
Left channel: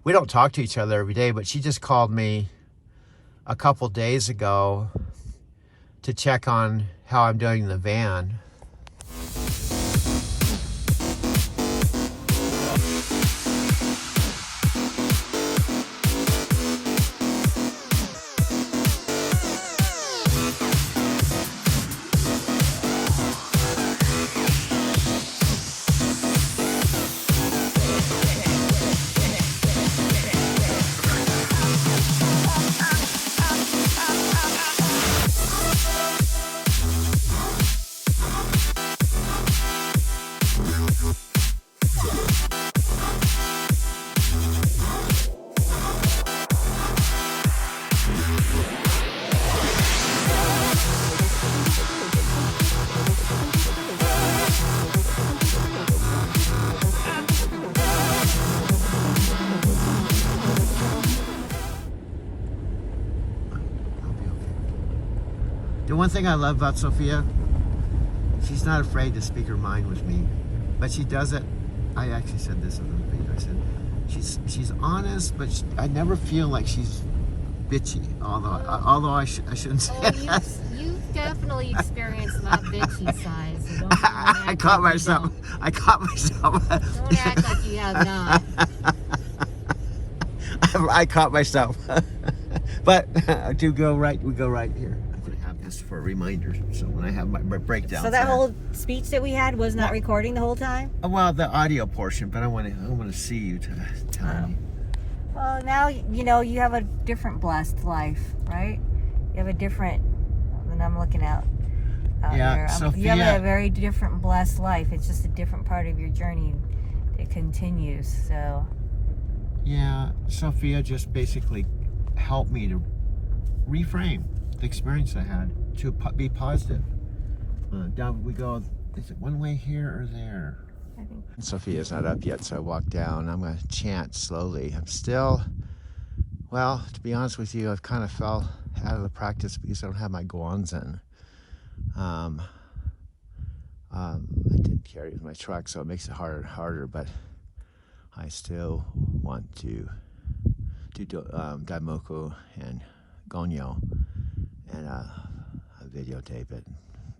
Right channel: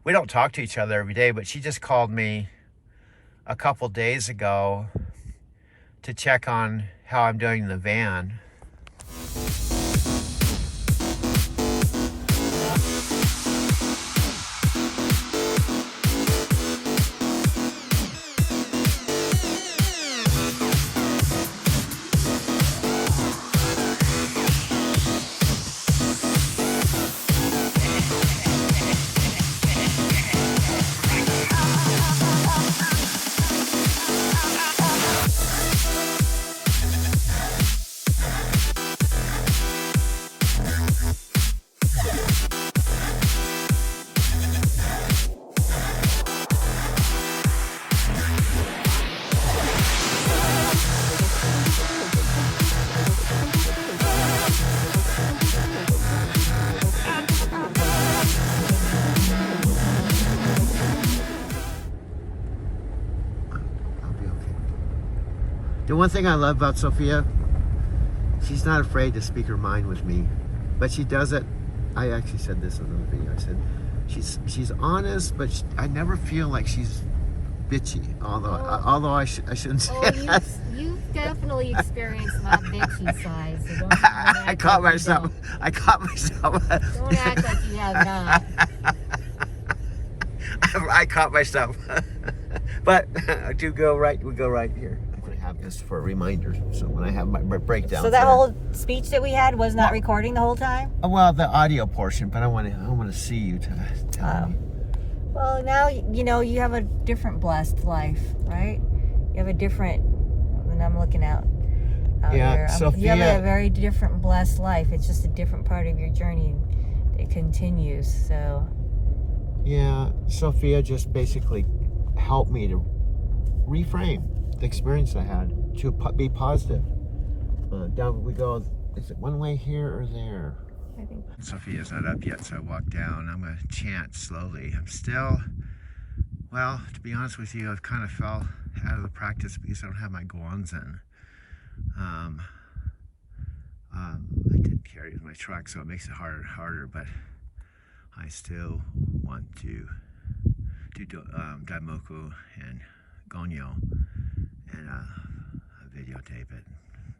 we don't talk to each other every day, but she just called me a couple days ago to check on how I'm doing in the van. The one thing I love about Sophia, she's not afraid to speak her mind with me, but she does it. I actually said this in the video. I said she's honest, but I never feel like she's bitchy. Although I shouldn't say that. You've definitely experienced that bitchy side. So don't I caught myself. I caught myself. Don't act like you have not. I caught myself. But we go right here. For a reminder, so when I have my breakdown. So that whole speech that we had was not recording the whole time? Well, the audio portion, but I want to see you to tell me. Well, now you know you have a different blessed life, right? You have a different, and I'm looking out here. Sophia, you have a very different blessed life. It's just a different part of your journey. It continues. So. Yeah, Sophia just basically helped me to reframe the experience I had to be positive. Down we go. Is it one way here or there? I think Sophia's not up yet, so I walk down. I'm going to chant slowly. I'm still, well, to be honest with you, I've kind of fell out of the practice because I don't have my guanzin. I did carry it in my truck, so it makes it harder, but I still want to do Daimoku and Gonyo and videotape it.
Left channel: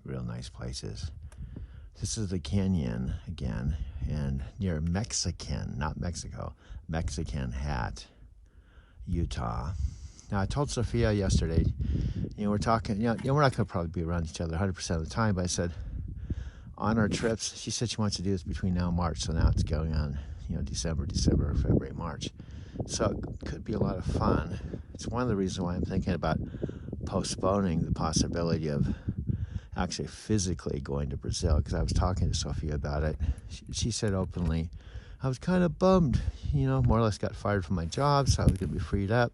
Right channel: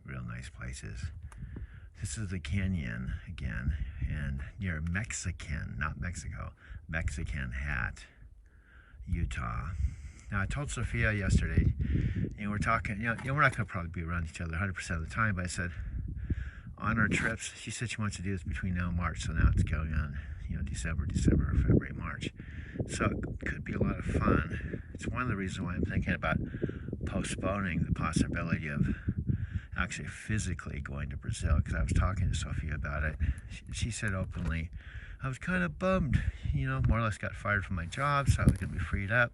Real nice places. This is the canyon again, and near Mexican, not Mexico, Mexican Hat, Utah. Now I told Sophia yesterday, we're talking, we're not going to probably be around each other 100% of the time, but I said on our trips, she said she wants to do this between now and March, so now it's going on, December, February, March. So it could be a lot of fun. It's one of the reasons why I'm thinking about postponing the possibility of actually physically going to Brazil, because I was talking to Sophia about it. She said openly, I was kind of bummed, more or less got fired from my job, so I was going to be freed up.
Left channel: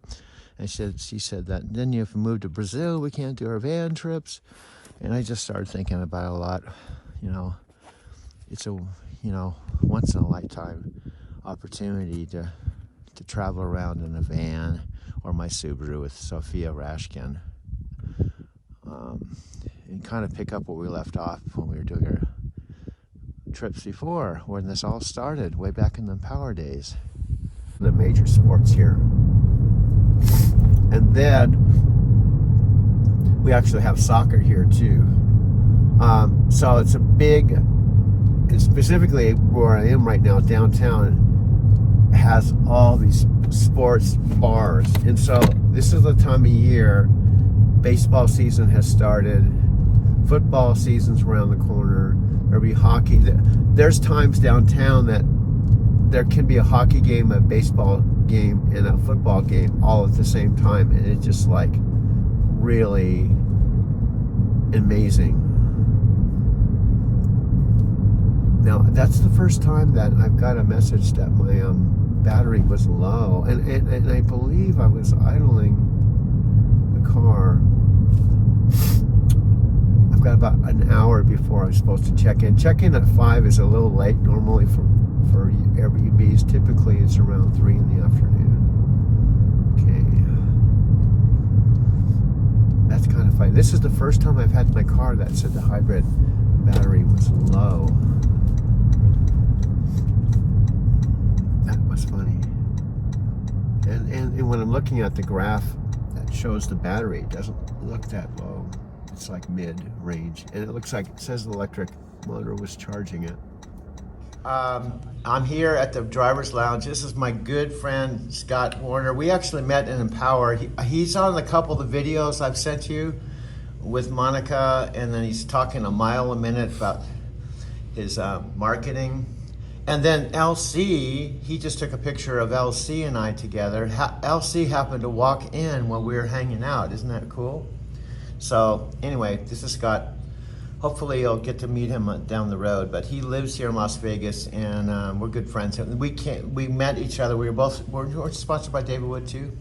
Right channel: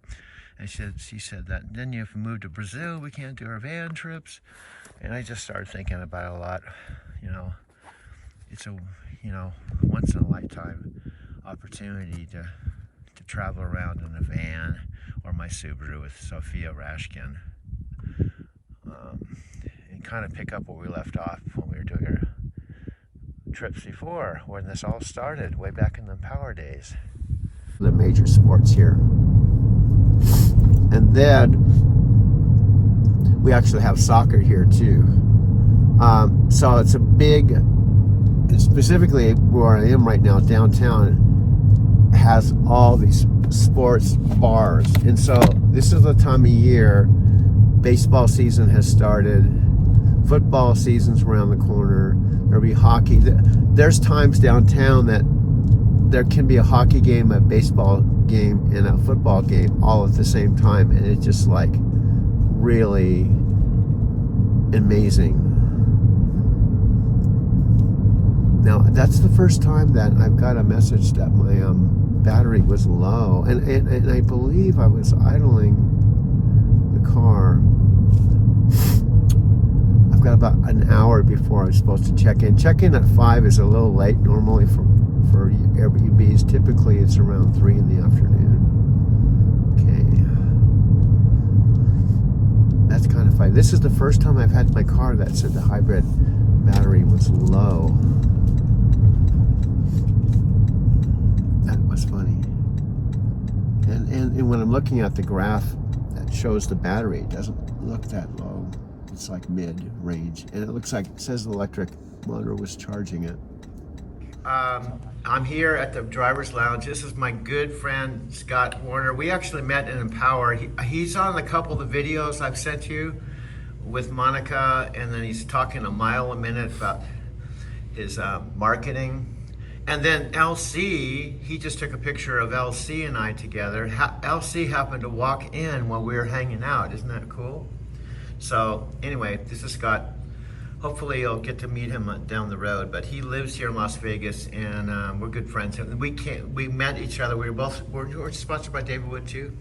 And she said that then if we move to Brazil, we can't do our van trips. And I just started thinking about it a lot. It's a, once in a lifetime opportunity to travel around in a van or my Subaru with Sophia Rashkin, and kind of pick up where we left off when we were doing our trips before, when this all started, way back in the Power days. The major sports here. And then we actually have soccer here too. So it's a big, and specifically where I am right now, downtown, has all these sports bars. And so this is the time of year, baseball season has started, football season's around the corner, there'll be hockey. There's times downtown that there can be a hockey game, a baseball game, and a football game all at the same time, and it's just like really amazing. Now that's the first time that I've got a message that my battery was low, and I believe I was idling the car. I've got about an hour before I'm supposed to check in. Check in at 5 is a little late normally for Airbnbs. Typically it's around 3 in the afternoon. Okay. That's kind of funny. This is the first time I've had my car that said the hybrid battery was low. That was funny. And when I'm looking at the graph that shows the battery, it doesn't look that low. It's like mid-range, and it looks like it says the electric motor was charging it. I'm here at the driver's lounge. This is my good friend Scott Warner. We actually met in Empower. He's on a couple of the videos I've sent you with Monica, and then he's talking a mile a minute about his marketing. And then LC, he just took a picture of LC and I together. LC happened to walk in while we were hanging out. Isn't that cool? So anyway, this is Scott. Hopefully you'll get to meet him down the road, but he lives here in Las Vegas, and we're good friends. We met each other. We're sponsored by David Wood too.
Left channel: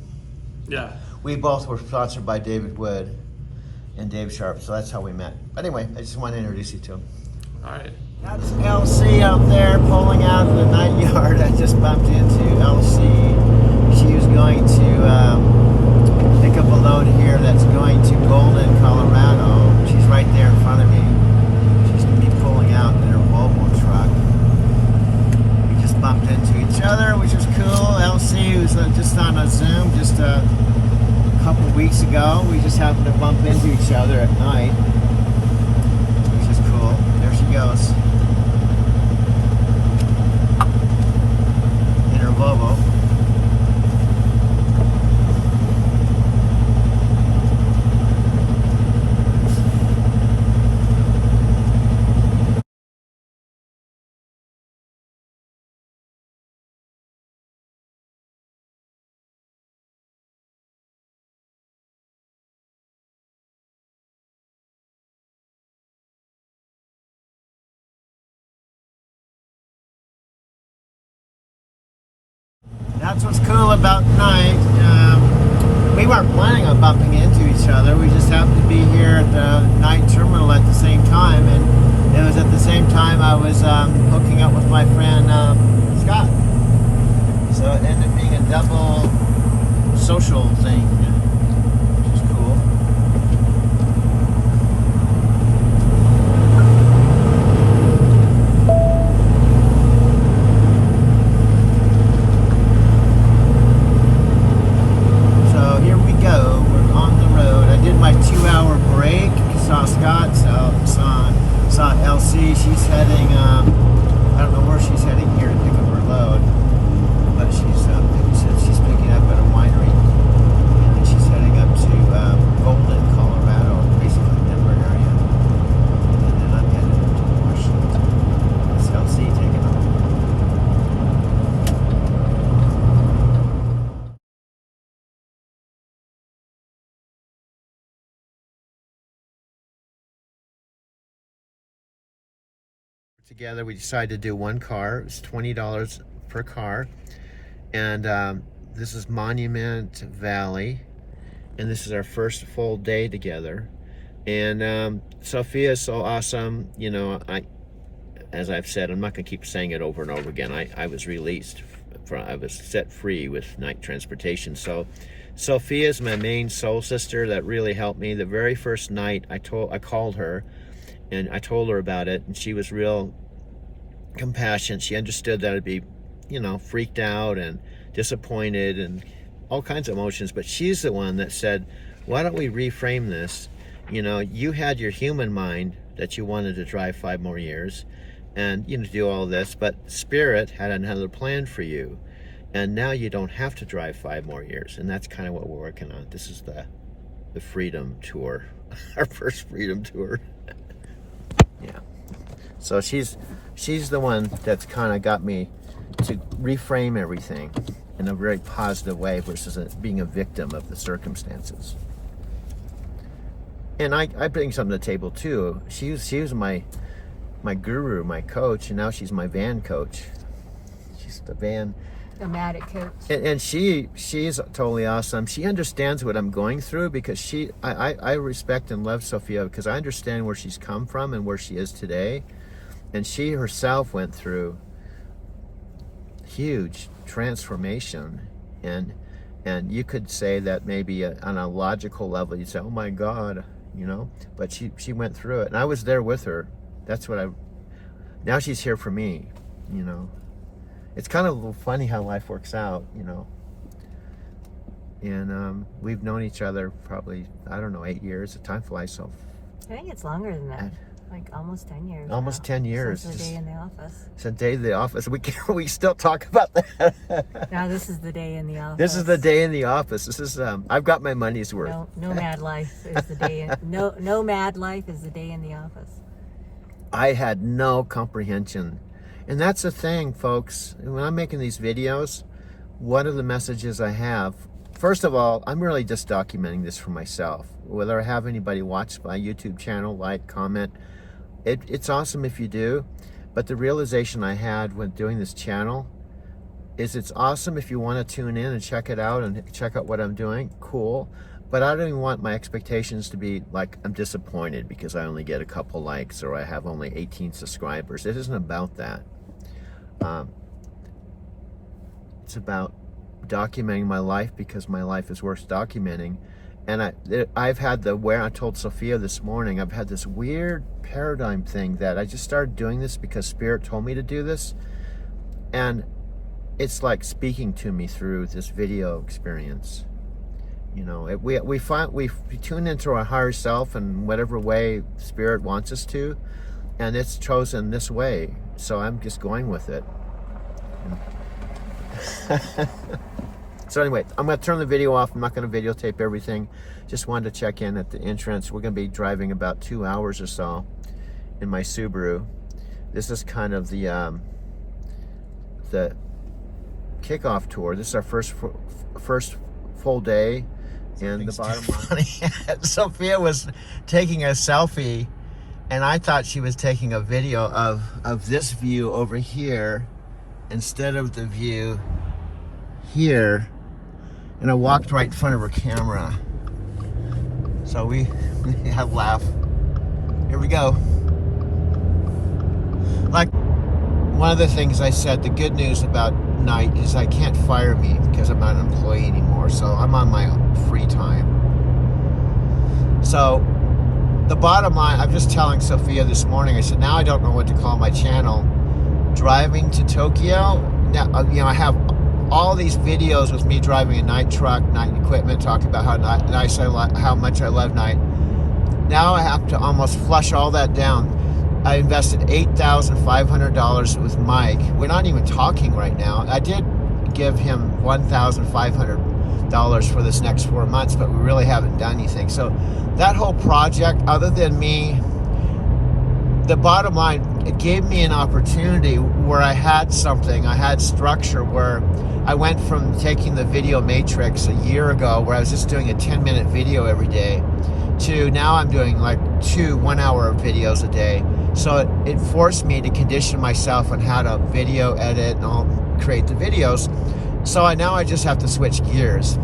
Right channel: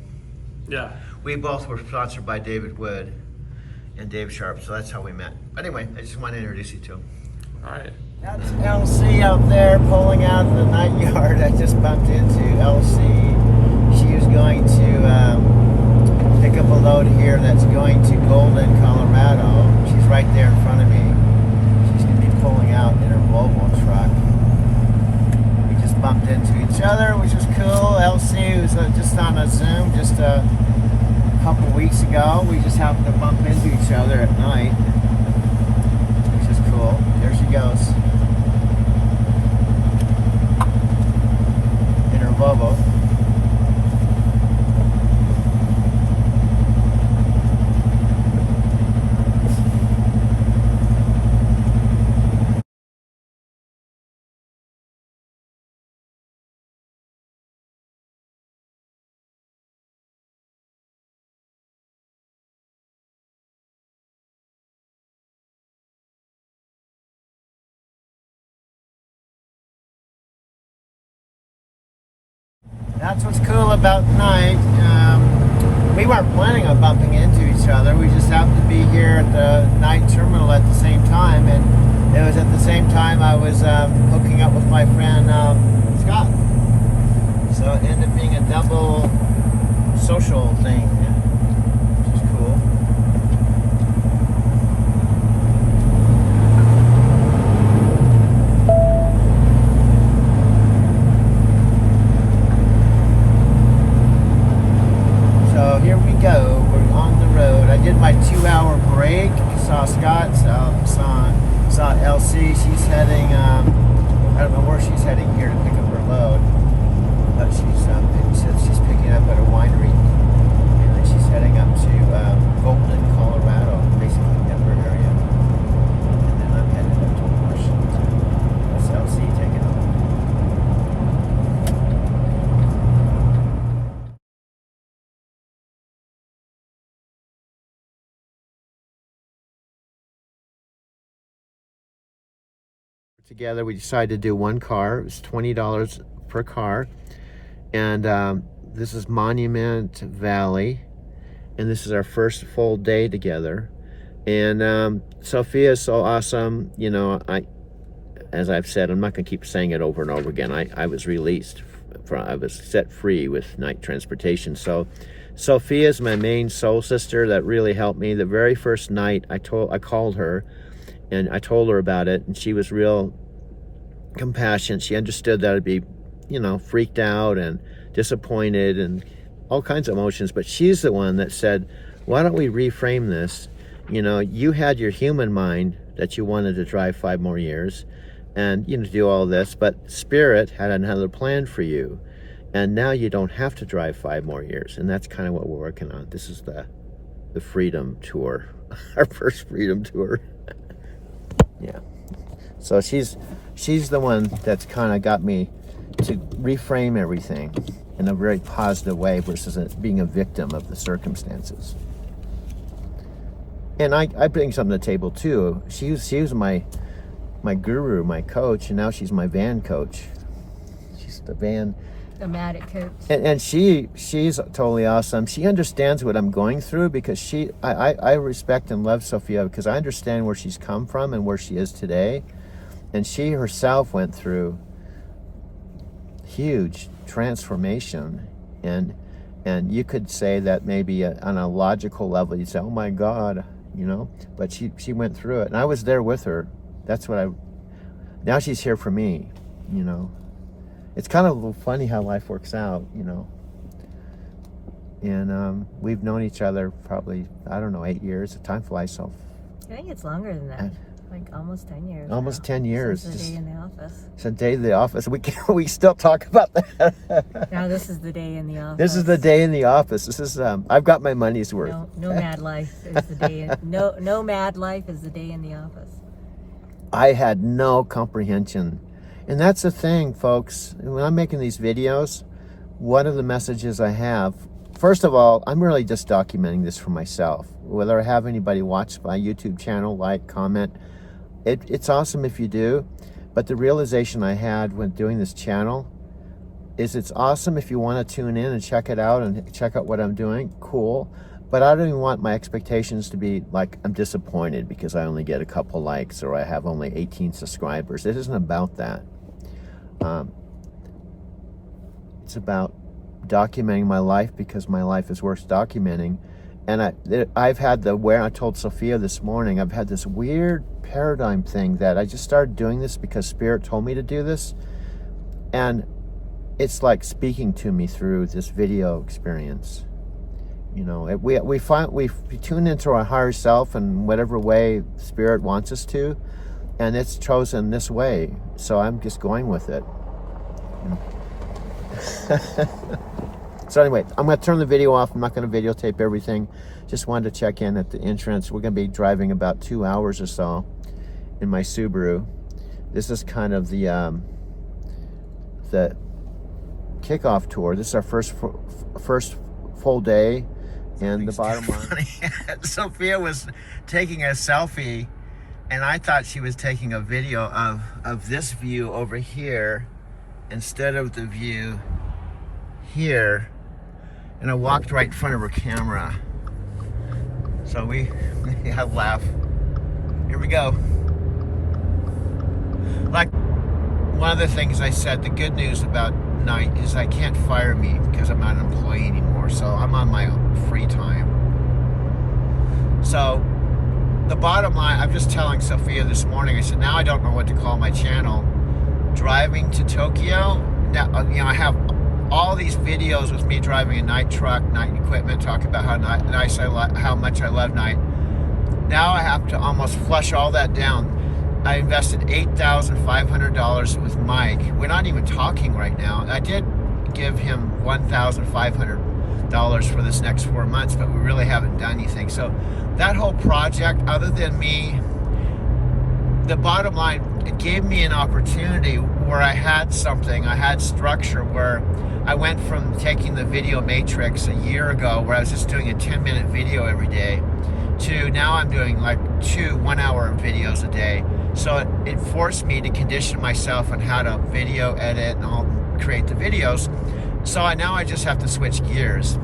Yeah. We both were sponsored by David Wood and Dave Sharp, so that's how we met. But anyway, I just want to introduce you to him. All right. That's LC out there pulling out of the night yard. I just bumped into LC. She was going to pick up a load here that's going to Golden, Colorado. She's right there in front of me. She's going to be pulling out in her Volvo truck. We just bumped into each other, which was cool. LC was just on a Zoom just a couple weeks ago. We just happened to bump into each other at night, which is cool. There she goes. In her Volvo. That's what's cool about night. We weren't planning on bumping into each other. We just happened to be here at the night terminal at the same time, and it was at the same time I was hooking up with my friend Scott. So it ended up being a double social thing, which is cool. So here we go, we're on the road. I did my 2-hour break. Saw Scott, saw LC. She's heading, I don't know where she's heading here to pick up her load, but she's picking up at a winery, and then she's heading up to Golden, Colorado, basically Denver area, and then I'm headed up to Washington. That's LC taking off. Together, we decided to do one car. It was $20 per car, and this is Monument Valley, and this is our first full day together. And Sophia is so awesome. You know, as I've said, I'm not going to keep saying it over and over again. I was released I was set free with night transportation. So Sophia is my main soul sister that really helped me. The very first night I called her and I told her about it, and she was real compassionate. She understood that I'd be, you know, freaked out and disappointed and all kinds of emotions, but she's the one that said, why don't we reframe this? You know, you had your human mind that you wanted to drive 5 more years and, you know, do all this, but Spirit had another plan for you, and now you don't have to drive 5 more years. And that's kind of what we're working on. This is the Freedom Tour, our first Freedom Tour. Yeah. So she's the one that's kind of got me to reframe everything in a very positive way versus being a victim of the circumstances. And I bring something to the table too. She was my guru, my coach, and now she's my van coach. She's the van. Nomadic coach. And she's totally awesome. She understands what I'm going through because I respect and love Sophia because I understand where she's come from and where she is today. And she herself went through huge transformation, and you could say that maybe on a logical level you'd say, oh my God, you know, but she went through it, and I was there with her. That's what now she's here for me, you know. It's kind of funny how life works out, you know. And we've known each other probably, I don't know, 8 years. The time flies so. I think it's longer than that. Like almost 10 years. Almost now. 10 years. Since the day in the office. Since the day in the office. We still talk about that. No, this is the day in the office. This is the day in the office. This is I've got my money's worth. No mad life is the day. No mad life is the day in the office. I had no comprehension, and that's the thing, folks. When I'm making these videos, one of the messages I have. First of all, I'm really just documenting this for myself. Whether I have anybody watch my YouTube channel, like, comment, it's awesome if you do. But the realization I had when doing this channel is it's awesome if you want to tune in and check it out and check out what I'm doing. Cool. But I don't even want my expectations to be like I'm disappointed because I only get a couple likes or I have only 18 subscribers. It isn't about that. It's about documenting my life because my life is worth documenting. And I've had I told Sophia this morning, I've had this weird paradigm thing that I just started doing this because Spirit told me to do this. And it's like speaking to me through this video experience. You know, we tune into our higher self in whatever way Spirit wants us to. And it's chosen this way. So I'm just going with it. So anyway, I'm going to turn the video off. I'm not going to videotape everything. Just wanted to check in at the entrance. We're going to be driving about 2 hours or so in my Subaru. This is kind of the kickoff tour. This is our first full day. And the bottom line, Sophia was taking a selfie, and I thought she was taking a video of this view over here instead of the view here. And I walked right in front of her camera. So we had a laugh. Here we go. Like one of the things I said, the good news about night is I can't fire me because I'm not an employee anymore. So I'm on my free time. So the bottom line, I'm just telling Sophia this morning, I said, now I don't know what to call my channel. Driving to Tokyo. Now, you know, I have all these videos with me driving a night truck, night equipment, talking about how much I love night. Now I have to almost flush all that down. I invested $8,500 with Mike. We're not even talking right now. I did give him $1,500 for this next 4 months, but we really haven't done anything. So that whole project, other than me, the bottom line, it gave me an opportunity where I had something, I had structure, where I went from taking the video matrix a year ago where I was just doing a 10-minute video every day to now I'm doing like 2 1-hour videos a day. So it forced me to condition myself on how to video edit and all, create the videos. So now I just have to switch gears,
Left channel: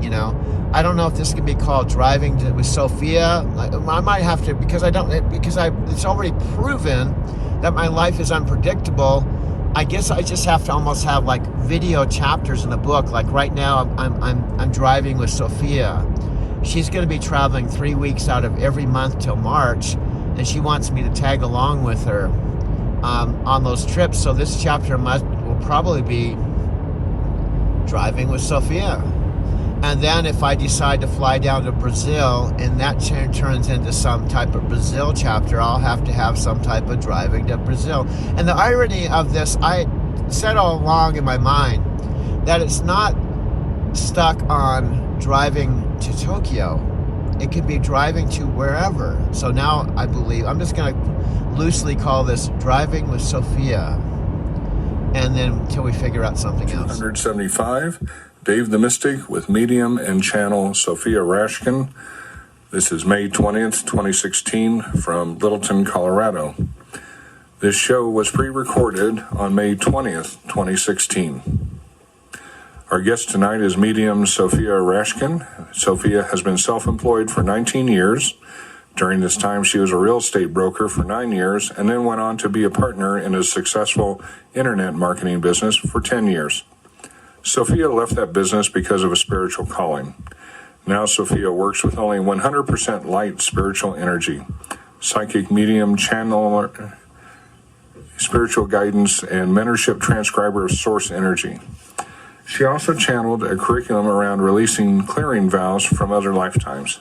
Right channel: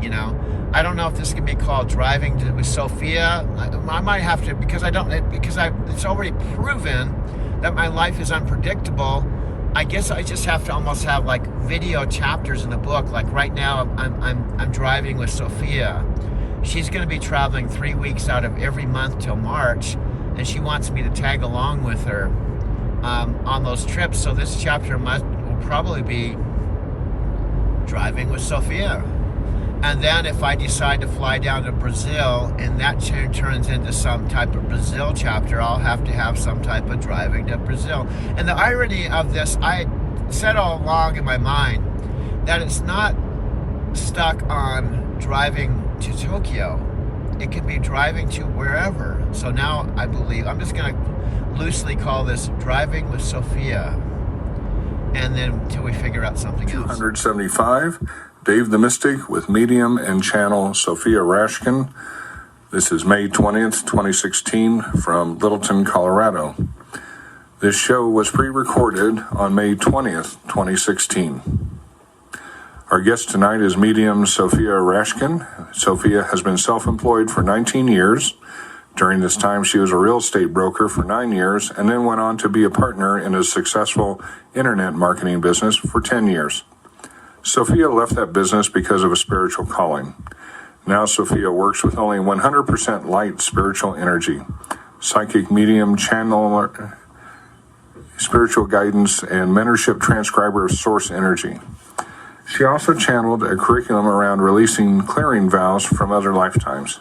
you know. I don't know if this can be called driving with Sophia. I might have to, because it's already proven that my life is unpredictable. I guess I just have to almost have like video chapters in the book. Like right now, I'm driving with Sophia. She's going to be traveling 3 weeks out of every month till March, and she wants me to tag along with her on those trips. So this chapter will probably be driving with Sophia. And then if I decide to fly down to Brazil and that turns into some type of Brazil chapter, I'll have to have some type of driving to Brazil. And the irony of this, I said all along in my mind that it's not stuck on driving to Tokyo. It could be driving to wherever. So now I believe, I'm just going to loosely call this driving with Sophia. And then until we figure out something else. 275. Dave the Mystic with medium and channel Sophia Rashkin. This is May 20th, 2016 from Littleton, Colorado. This show was pre-recorded on May 20th, 2016. Our guest tonight is medium Sophia Rashkin. Sophia has been self-employed for 19 years. During this time, she was a real estate broker for 9 years and then went on to be a partner in a successful internet marketing business for 10 years. Sophia left that business because of a spiritual calling. Now Sophia works with only 100% light spiritual energy, psychic medium, channeler, spiritual guidance, and mentorship transcriber of source energy. She also channeled a curriculum around releasing clearing vows from other lifetimes.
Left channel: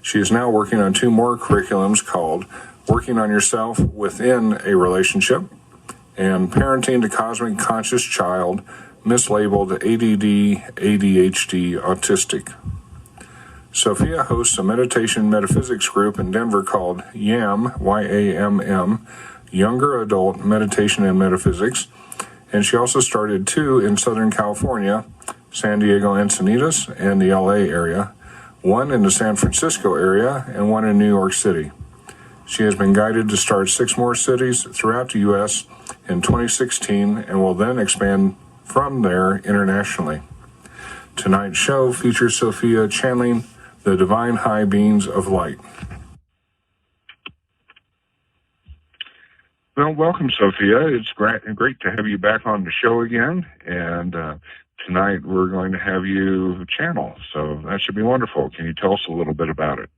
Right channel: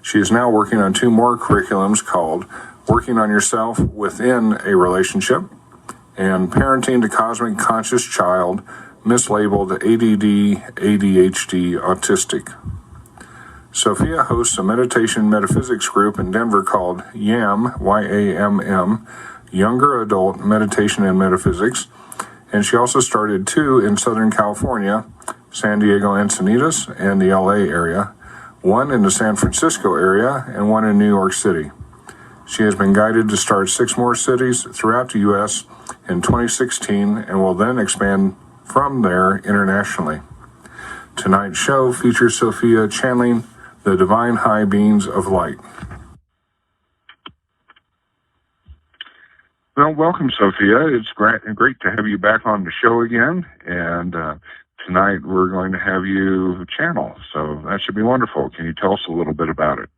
She is now working on 2 more curriculums called Working on Yourself Within a Relationship and Parenting the Cosmic Conscious Child, mislabeled ADD, ADHD, autistic. Sophia hosts a meditation metaphysics group in Denver called YAM, Y-A-M-M, Younger Adult Meditation and Metaphysics, and she also started 2 in Southern California, San Diego Encinitas, and the LA area, 1 in the San Francisco area, and 1 in New York City. She has been guided to start 6 more cities throughout the U.S. in 2016 and will then expand from there internationally. Tonight's show features Sophia channeling the divine high beings of light. Well, welcome, Sophia. It's great to have you back on the show again. And tonight we're going to have you channel. So that should be wonderful. Can you tell us a little bit about it?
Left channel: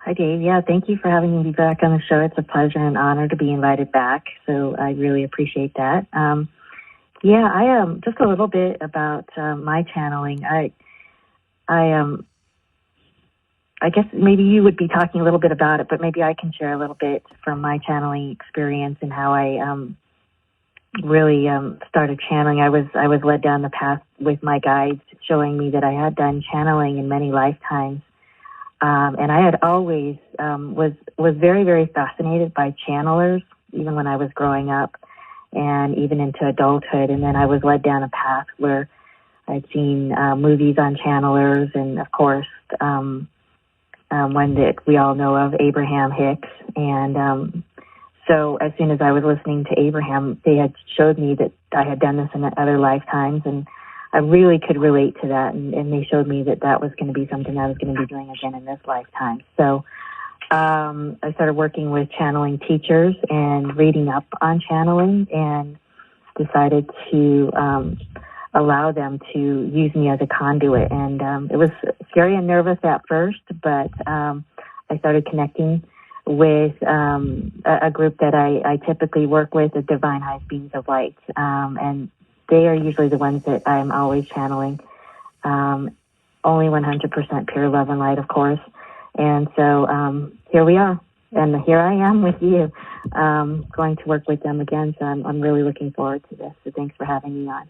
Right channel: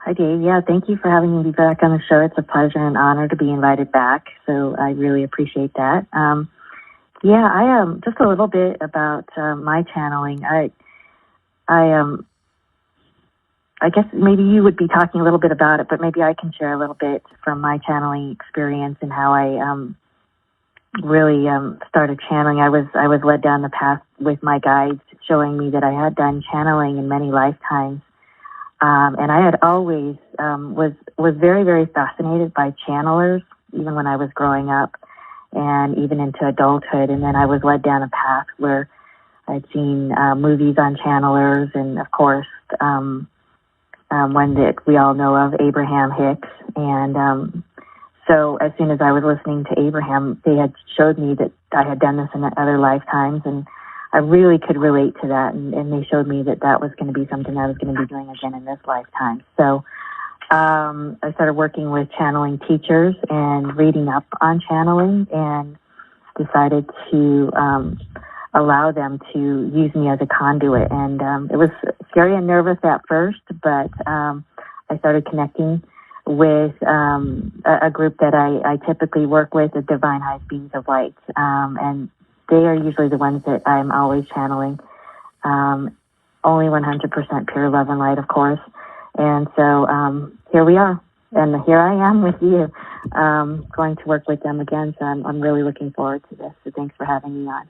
Hi, Dave. Yeah, thank you for having me back on the show. It's a pleasure and honor to be invited back. So I really appreciate that. Just a little bit about my channeling. I guess maybe you would be talking a little bit about it, but maybe I can share a little bit from my channeling experience and how I really started channeling. I was led down the path with my guides, showing me that I had done channeling in many lifetimes, and I had always was very, very fascinated by channelers, even when I was growing up and even into adulthood. And then I was led down a path where I'd seen movies on channelers, and of course, one that we all know of, Abraham Hicks. And so as soon as I was listening to Abraham, they had showed me that I had done this in other lifetimes, and I really could relate to that. And they showed me that that was going to be something I was going to be doing again in this lifetime. So I started working with channeling teachers and reading up on channeling, and decided to allow them to use me as a conduit. And it was scary and nervous at first, but I started connecting with a group that I typically work with, the Divine High Beings of Light. And they are usually the ones that I'm always channeling. Only 100% pure love and light, of course. And so here we are. And here I am with you, going to work with them again. So I'm really looking forward to this. So thanks for having me on.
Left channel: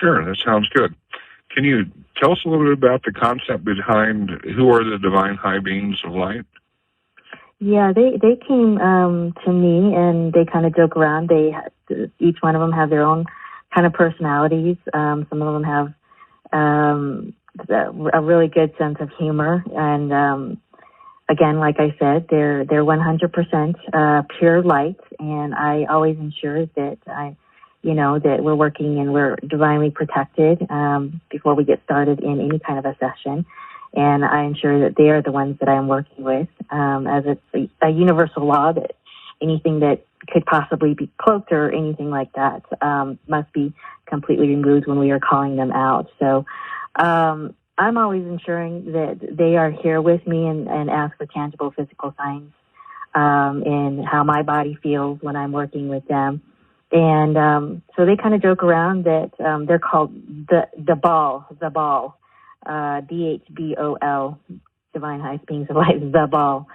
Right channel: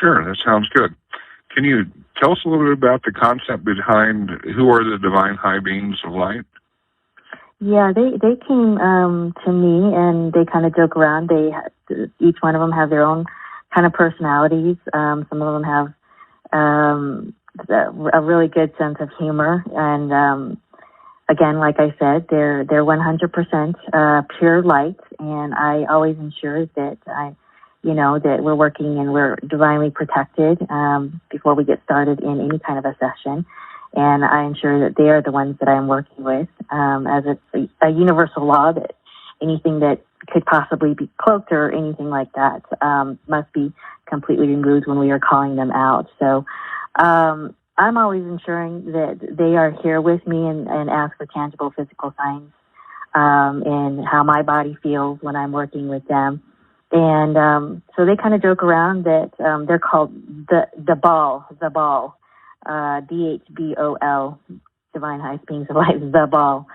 Sure, that sounds good. Can you tell us a little bit about the concept behind who are the Divine High Beings of Light? Yeah, they came to me, and they kind of joke around. Each one of them have their own kind of personalities. Some of them have a really good sense of humor, and again, like I said, they're 100% pure light, and I always ensure that that we're working and we're divinely protected before we get started in any kind of a session. And I ensure that they are the ones that I'm working with, as it's a universal law that anything that could possibly be cloaked or anything like that. Must be completely removed when we are calling them out. So I'm always ensuring that they are here with me and ask for tangible physical signs and how my body feels when I'm working with them. And so they kind of joke around that they're called the ball, DHBOL, Divine High Beings of Light, the ball.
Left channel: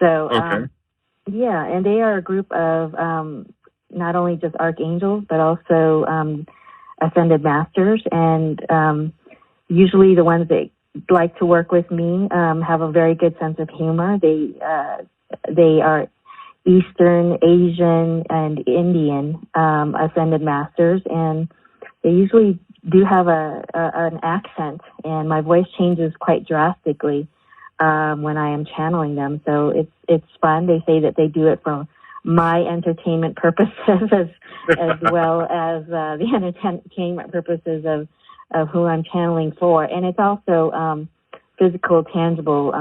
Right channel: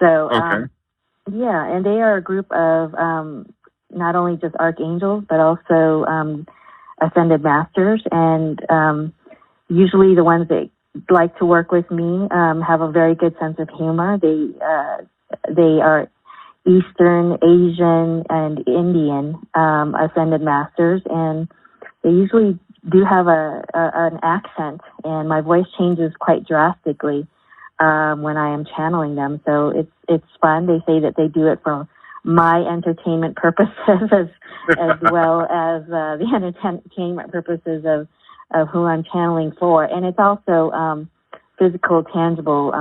So, Okay. yeah, and they are a group of not only just archangels, but also ascended masters. And usually the ones that like to work with me have a very good sense of humor. They are Eastern, Asian, and Indian ascended masters, and they usually do have an accent, and my voice changes quite drastically when I am channeling them. So it's fun. They say that they do it for my entertainment purposes as well as the entertainment purposes of who I'm channeling for. And it's also physical, tangible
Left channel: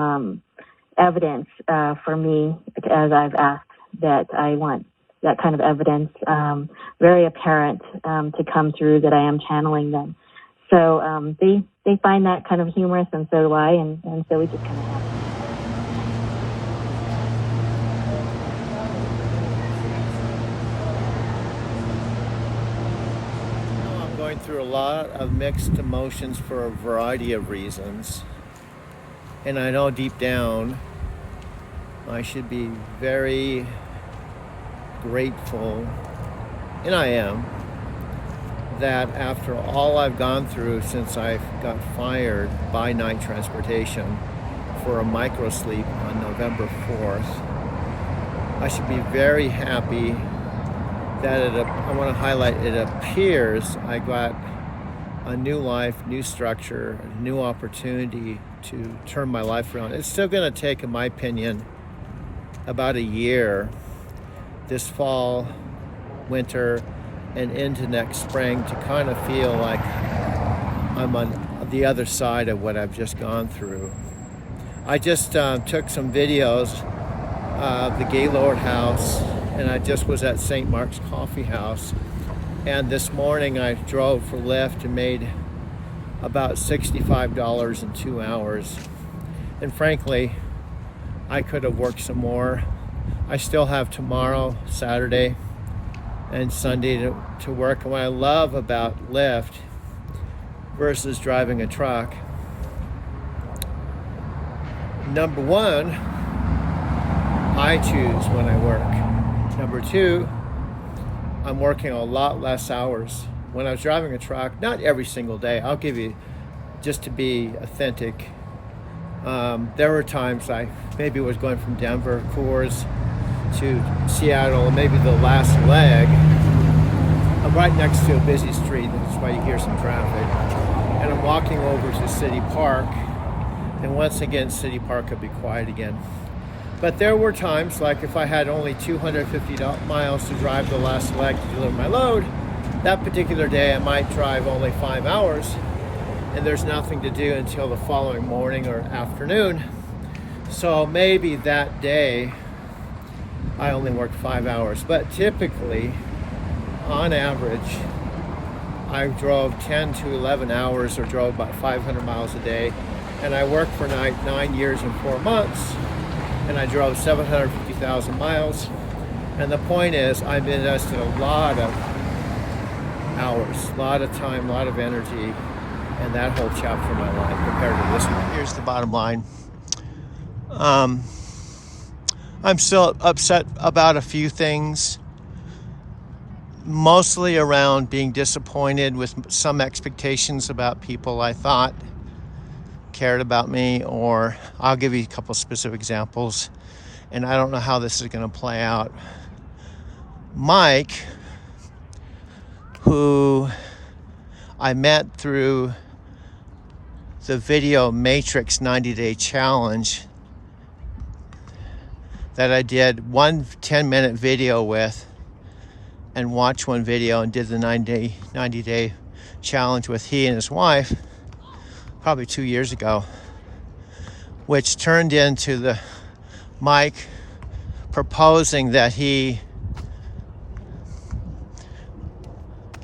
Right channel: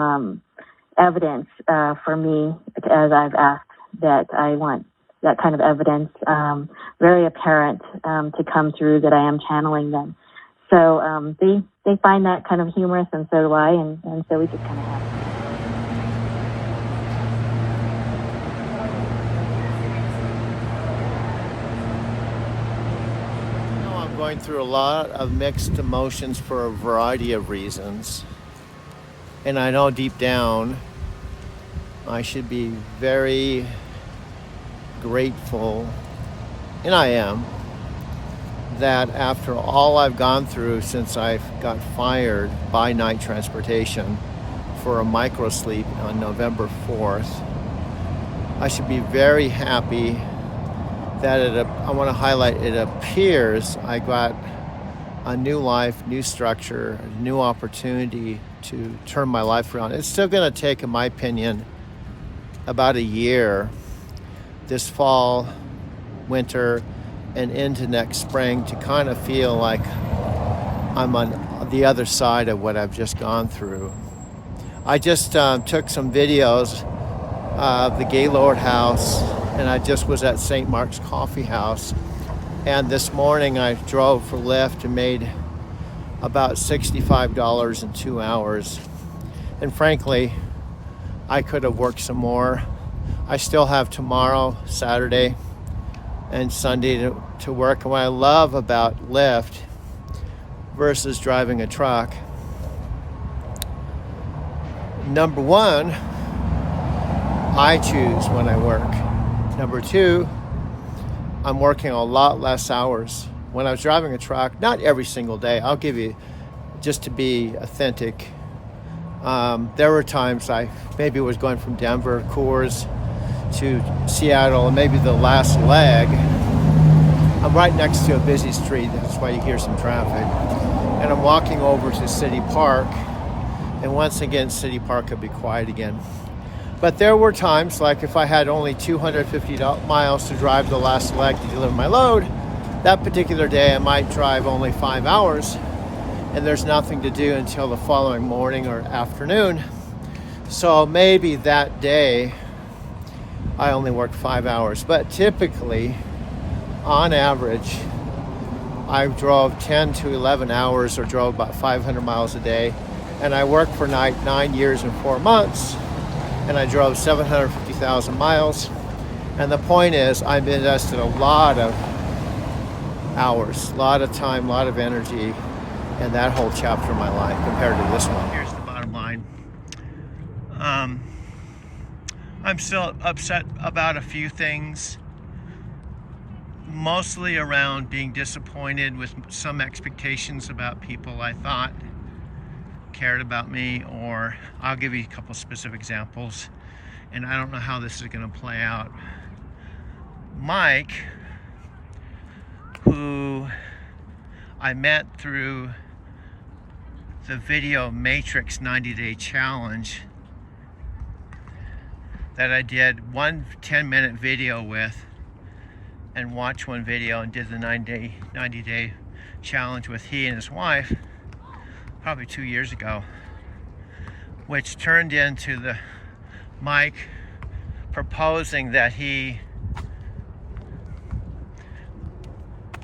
evidence for me, as I've asked that I want that kind of evidence, very apparent to come through that I am channeling them. So they find that kind of humorous, and so do I, and so we just kind of have it. I'm going through a lot of mixed emotions for a variety of reasons. And I know deep down I should be very grateful, and I am, that after all I've gone through since I got fired by Night Transportation for a microsleep on November 4th, I should be very happy that I want to highlight, it appears I got a new life, new structure, a new opportunity to turn my life around. It's still going to take, in my opinion, about a year, this fall, winter, and into next spring, to kind of feel like I'm on the other side of what I've just gone through. I just took some videos of the Gaylord House, and I just was at St. Mark's Coffee House. And this morning I drove for Lyft and made about $65 in 2 hours. And frankly, I could have worked some more. I still have tomorrow, Saturday, and Sunday to work. And what I love about Lyft versus driving a truck, number one, I choose when I work. Number two, I'm working a lot less hours. When I was driving a truck, not every single day, I'll give you, just to be authentic, there were times I maybe was going from Denver, Coors, to Seattle, and maybe the last leg, I'm right next to a busy street, that's why you hear some traffic, and I'm walking over to City Park, and once again, City Park would be quiet again. But there were times, like if I had only 250 miles to drive the last leg to deliver my load, that particular day I might drive only 5 hours, and there's nothing to do until the following morning or afternoon. So maybe that day I only worked 5 hours, but typically, on average, I drove 10 to 11 hours or drove about 500 miles a day, and I worked for 9 years and 4 months, and I drove 750,000 miles. And the point is, I've invested a lot of hours, a lot of time, a lot of energy in that whole chapter of my life compared to this one. Here's the bottom line. I'm still upset about a few things, mostly around being disappointed with some expectations about people I thought cared about me, or I'll give you a couple specific examples, and I don't know how this is going to play out. Mike, who I met through the Video Matrix 90-day challenge that I did one 10-minute video with, and watched one video and did the 90-day challenge with he and his wife probably 2 years ago, which turned into the Mike proposing that he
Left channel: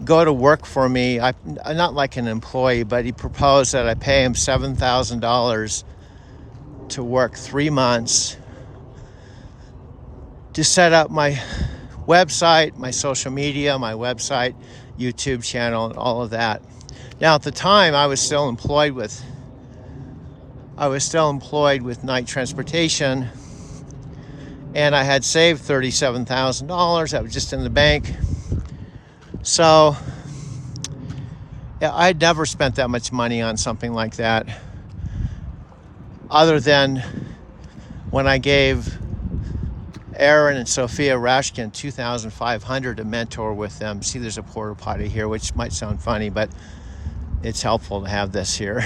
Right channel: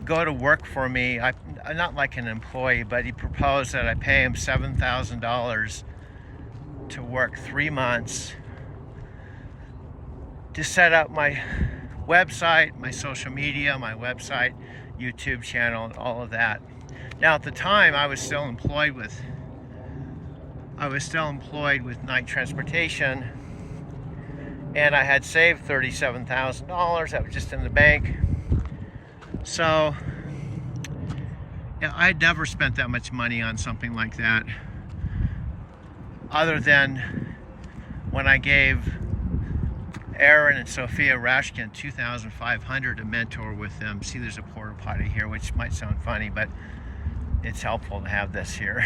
go to work for me. I'm not like an employee, but he proposed that I pay him $7,000 to work 3 months to set up my website, my social media, my website, YouTube channel, and all of that. Now, at the time, I was still employed with Knight Transportation, and I had saved $37,000. That was just in the bank. So, yeah, I'd never spent that much money on something like that, other than when I gave Aaron and Sophia Rashkin $2,500 to mentor with them. See, there's a porta potty here, which might sound funny, but it's helpful to have this here.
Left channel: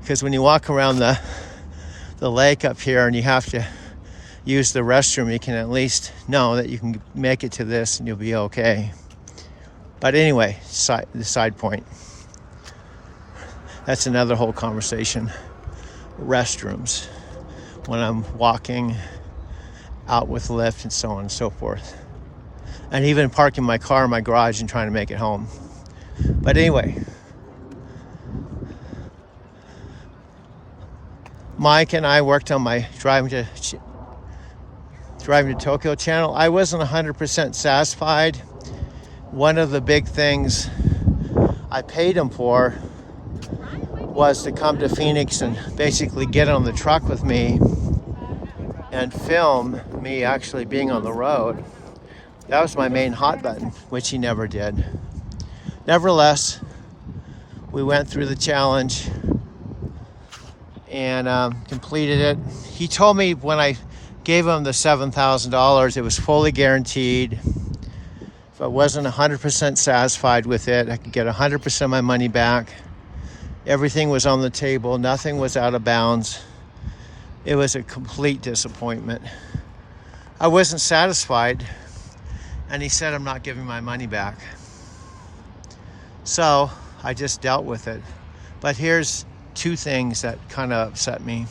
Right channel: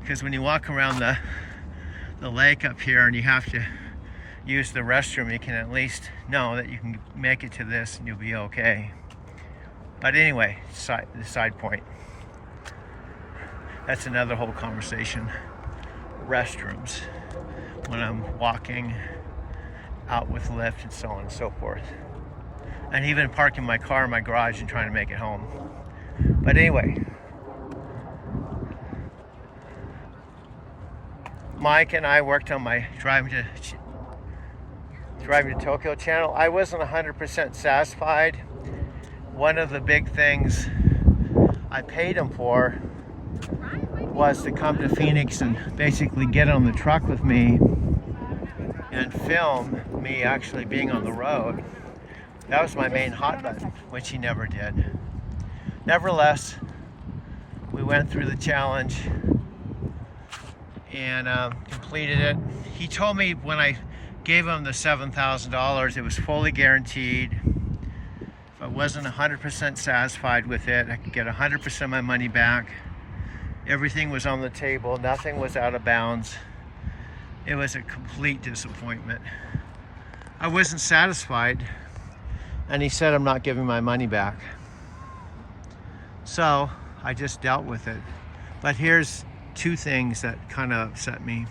Because when you walk around the lake up here and you have to use the restroom, you can at least know that you can make it to this and you'll be okay. But anyway, the side point. That's another whole conversation. Restrooms. When I'm walking out with Lyft and so on and so forth. And even parking my car in my garage and trying to make it home. But anyway, Mike and I worked on my Driving to Tokyo channel. I wasn't 100% satisfied. One of the big things I paid him for was to come to Phoenix and basically get on the truck with me and film me actually being on the road. That was my main hot button, which he never did. Nevertheless, we went through the challenge and completed it. He told me when I gave him the $7,000, it was fully guaranteed. If I wasn't 100% satisfied with it, I could get 100% of my money back. Everything was on the table, nothing was out of bounds. It was a complete disappointment. I wasn't satisfied, and he said I'm not giving my money back. So I just dealt with it. But here's two things that kind of upset me.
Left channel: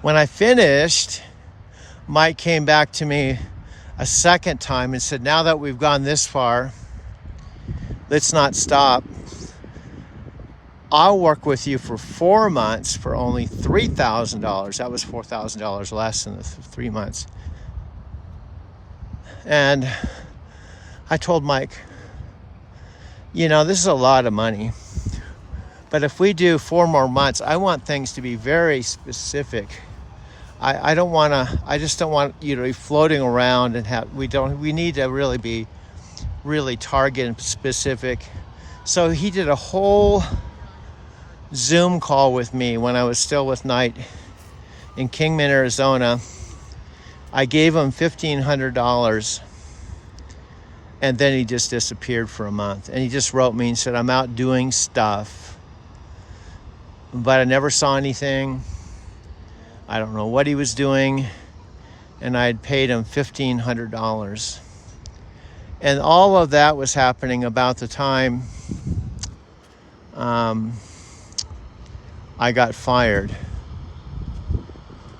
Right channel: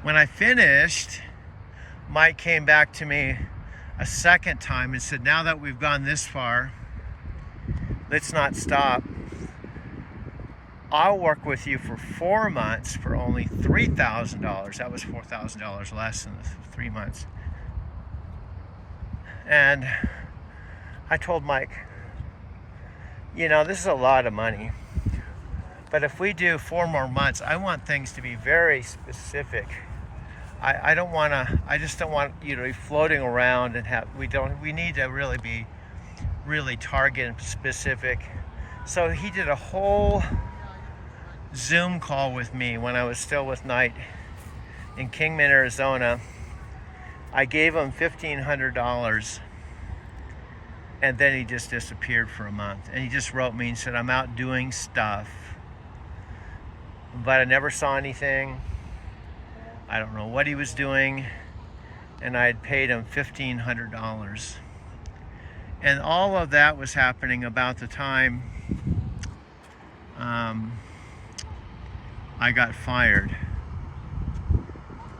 When I finished, Mike came back to me a second time and said, now that we've gone this far, let's not stop. I'll work with you for 4 months for only $3,000. That was $4,000 less than the 3 months. And I told Mike, you know, this is a lot of money, but if we do 4 more months, I want things to be very specific. I just don't want you to be floating around and we need to really be really target and specific. So he did a whole Zoom call with me when I was still with Knight in Kingman, Arizona. I gave him $1,500 and then he just disappeared for a month. And he just wrote me and said, I'm out doing stuff, but I never saw anything. I don't know what he was doing. And I had paid him $1,500. And all of that was happening about the time I got fired.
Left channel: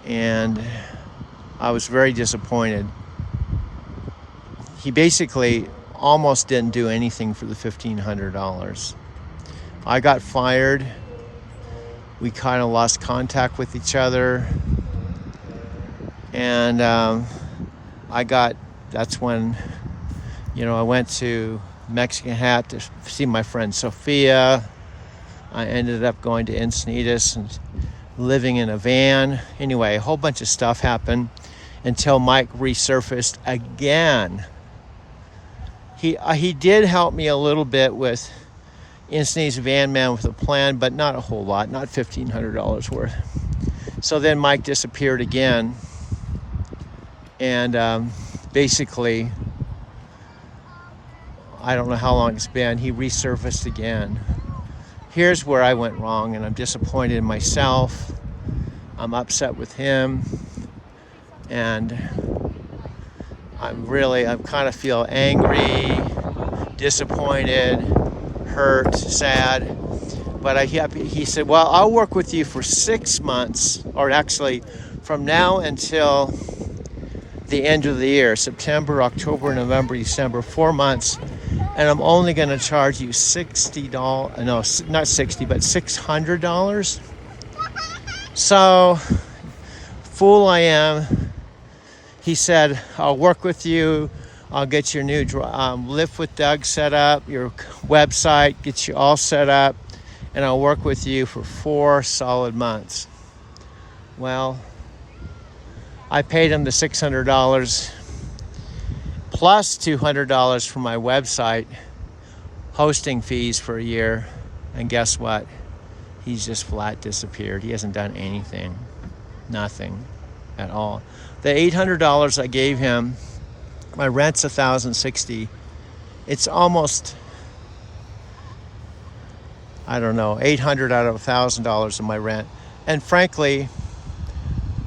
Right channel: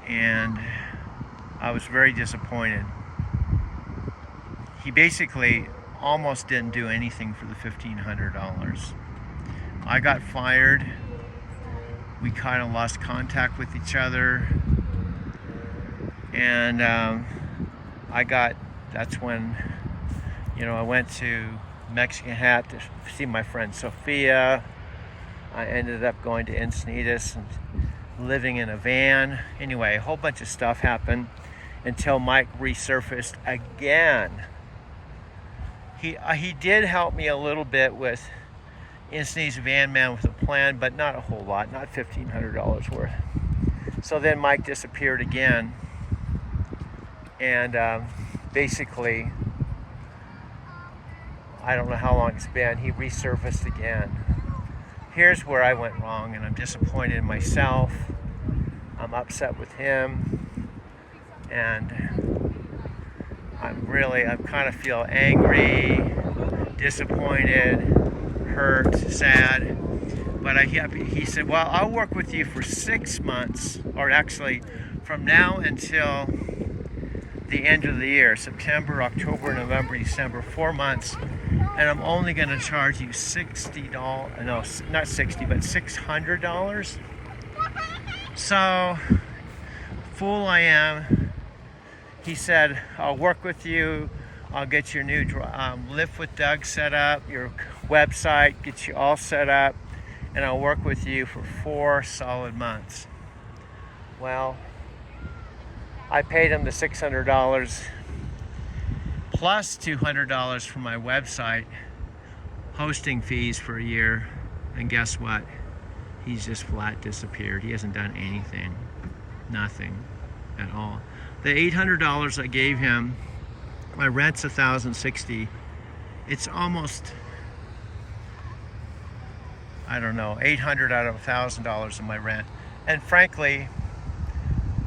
And I was very disappointed. He basically almost didn't do anything for the $1,500. I got fired. We kind of lost contact with each other. And that's when, you know, I went to Mexican Hat to see my friend Sophia. I ended up going to Encinitas and living in a van. Anyway, a whole bunch of stuff happened until Mike resurfaced again. He did help me a little bit with Encinitas Van Man with a plan, but not a whole lot, not $1,500 worth. So then Mike disappeared again, and basically, I don't know how long it's been, he resurfaced again. Here's where I went wrong, and I'm disappointed in myself. I'm upset with him, and I kind of feel angry, disappointed, hurt, sad. But he said, well, I'll work with you for 6 months, or actually from now until the end of the year, September, October, November, December, 4 months. and I'm only going to charge you $60, no, not 60, but $600. So, fool I am. He said, I'll work with you. I'll get your new Lift with Doug set up, your website, get you all set up, and I'll work with you for 4 solid months. Well, I paid him the $600 plus $200 for my website hosting fees for a year, and guess what? He's just flat disappeared. He hasn't done anything, nothing at all. The $800 I gave him, my rent's $1,060. It's almost, I don't know, $800 out of $1,000 of my rent. And frankly,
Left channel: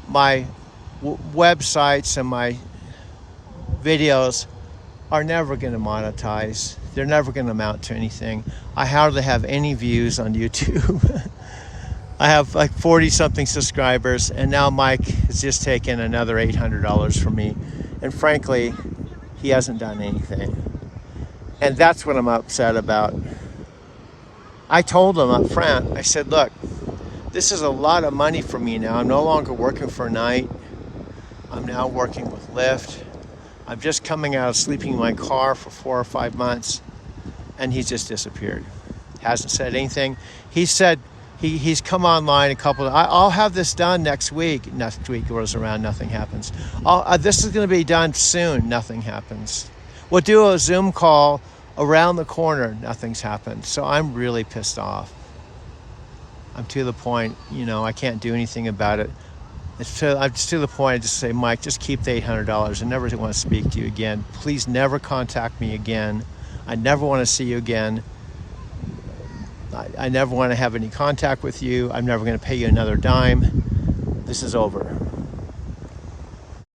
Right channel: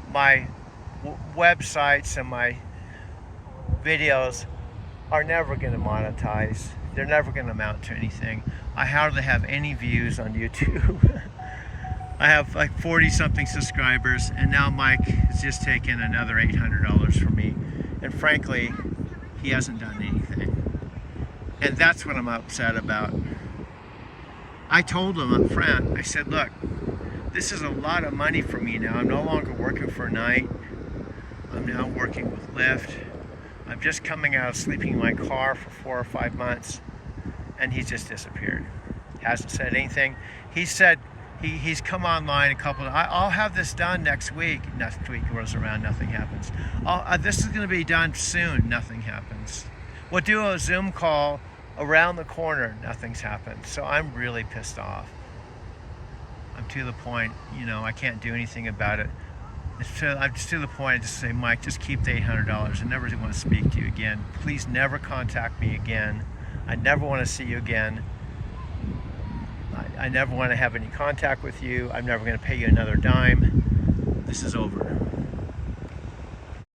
my websites and my videos are never going to monetize. They're never going to amount to anything. I hardly have any views on YouTube. I have like 40 something subscribers, and now Mike has just taken another $800 from me. And frankly, he hasn't done anything. And that's what I'm upset about. I told him up front, I said, look, this is a lot of money for me now. I'm no longer working for a night. I'm now working with Lyft. I'm just coming out of sleeping in my car for 4 or 5 months, and he's just disappeared. Hasn't said anything. He said he's come online a couple of, I'll have this done next week. Next week rolls around, nothing happens. This is going to be done soon, nothing happens. We'll do a Zoom call around the corner, nothing's happened. So I'm really pissed off. I'm to the point, you know, I can't do anything about it. I'm just to the point, I just say, Mike, just keep the $800. I never want to speak to you again. Please never contact me again. I never want to see you again. I never want to have any contact with you. I'm never going to pay you another dime. This is over.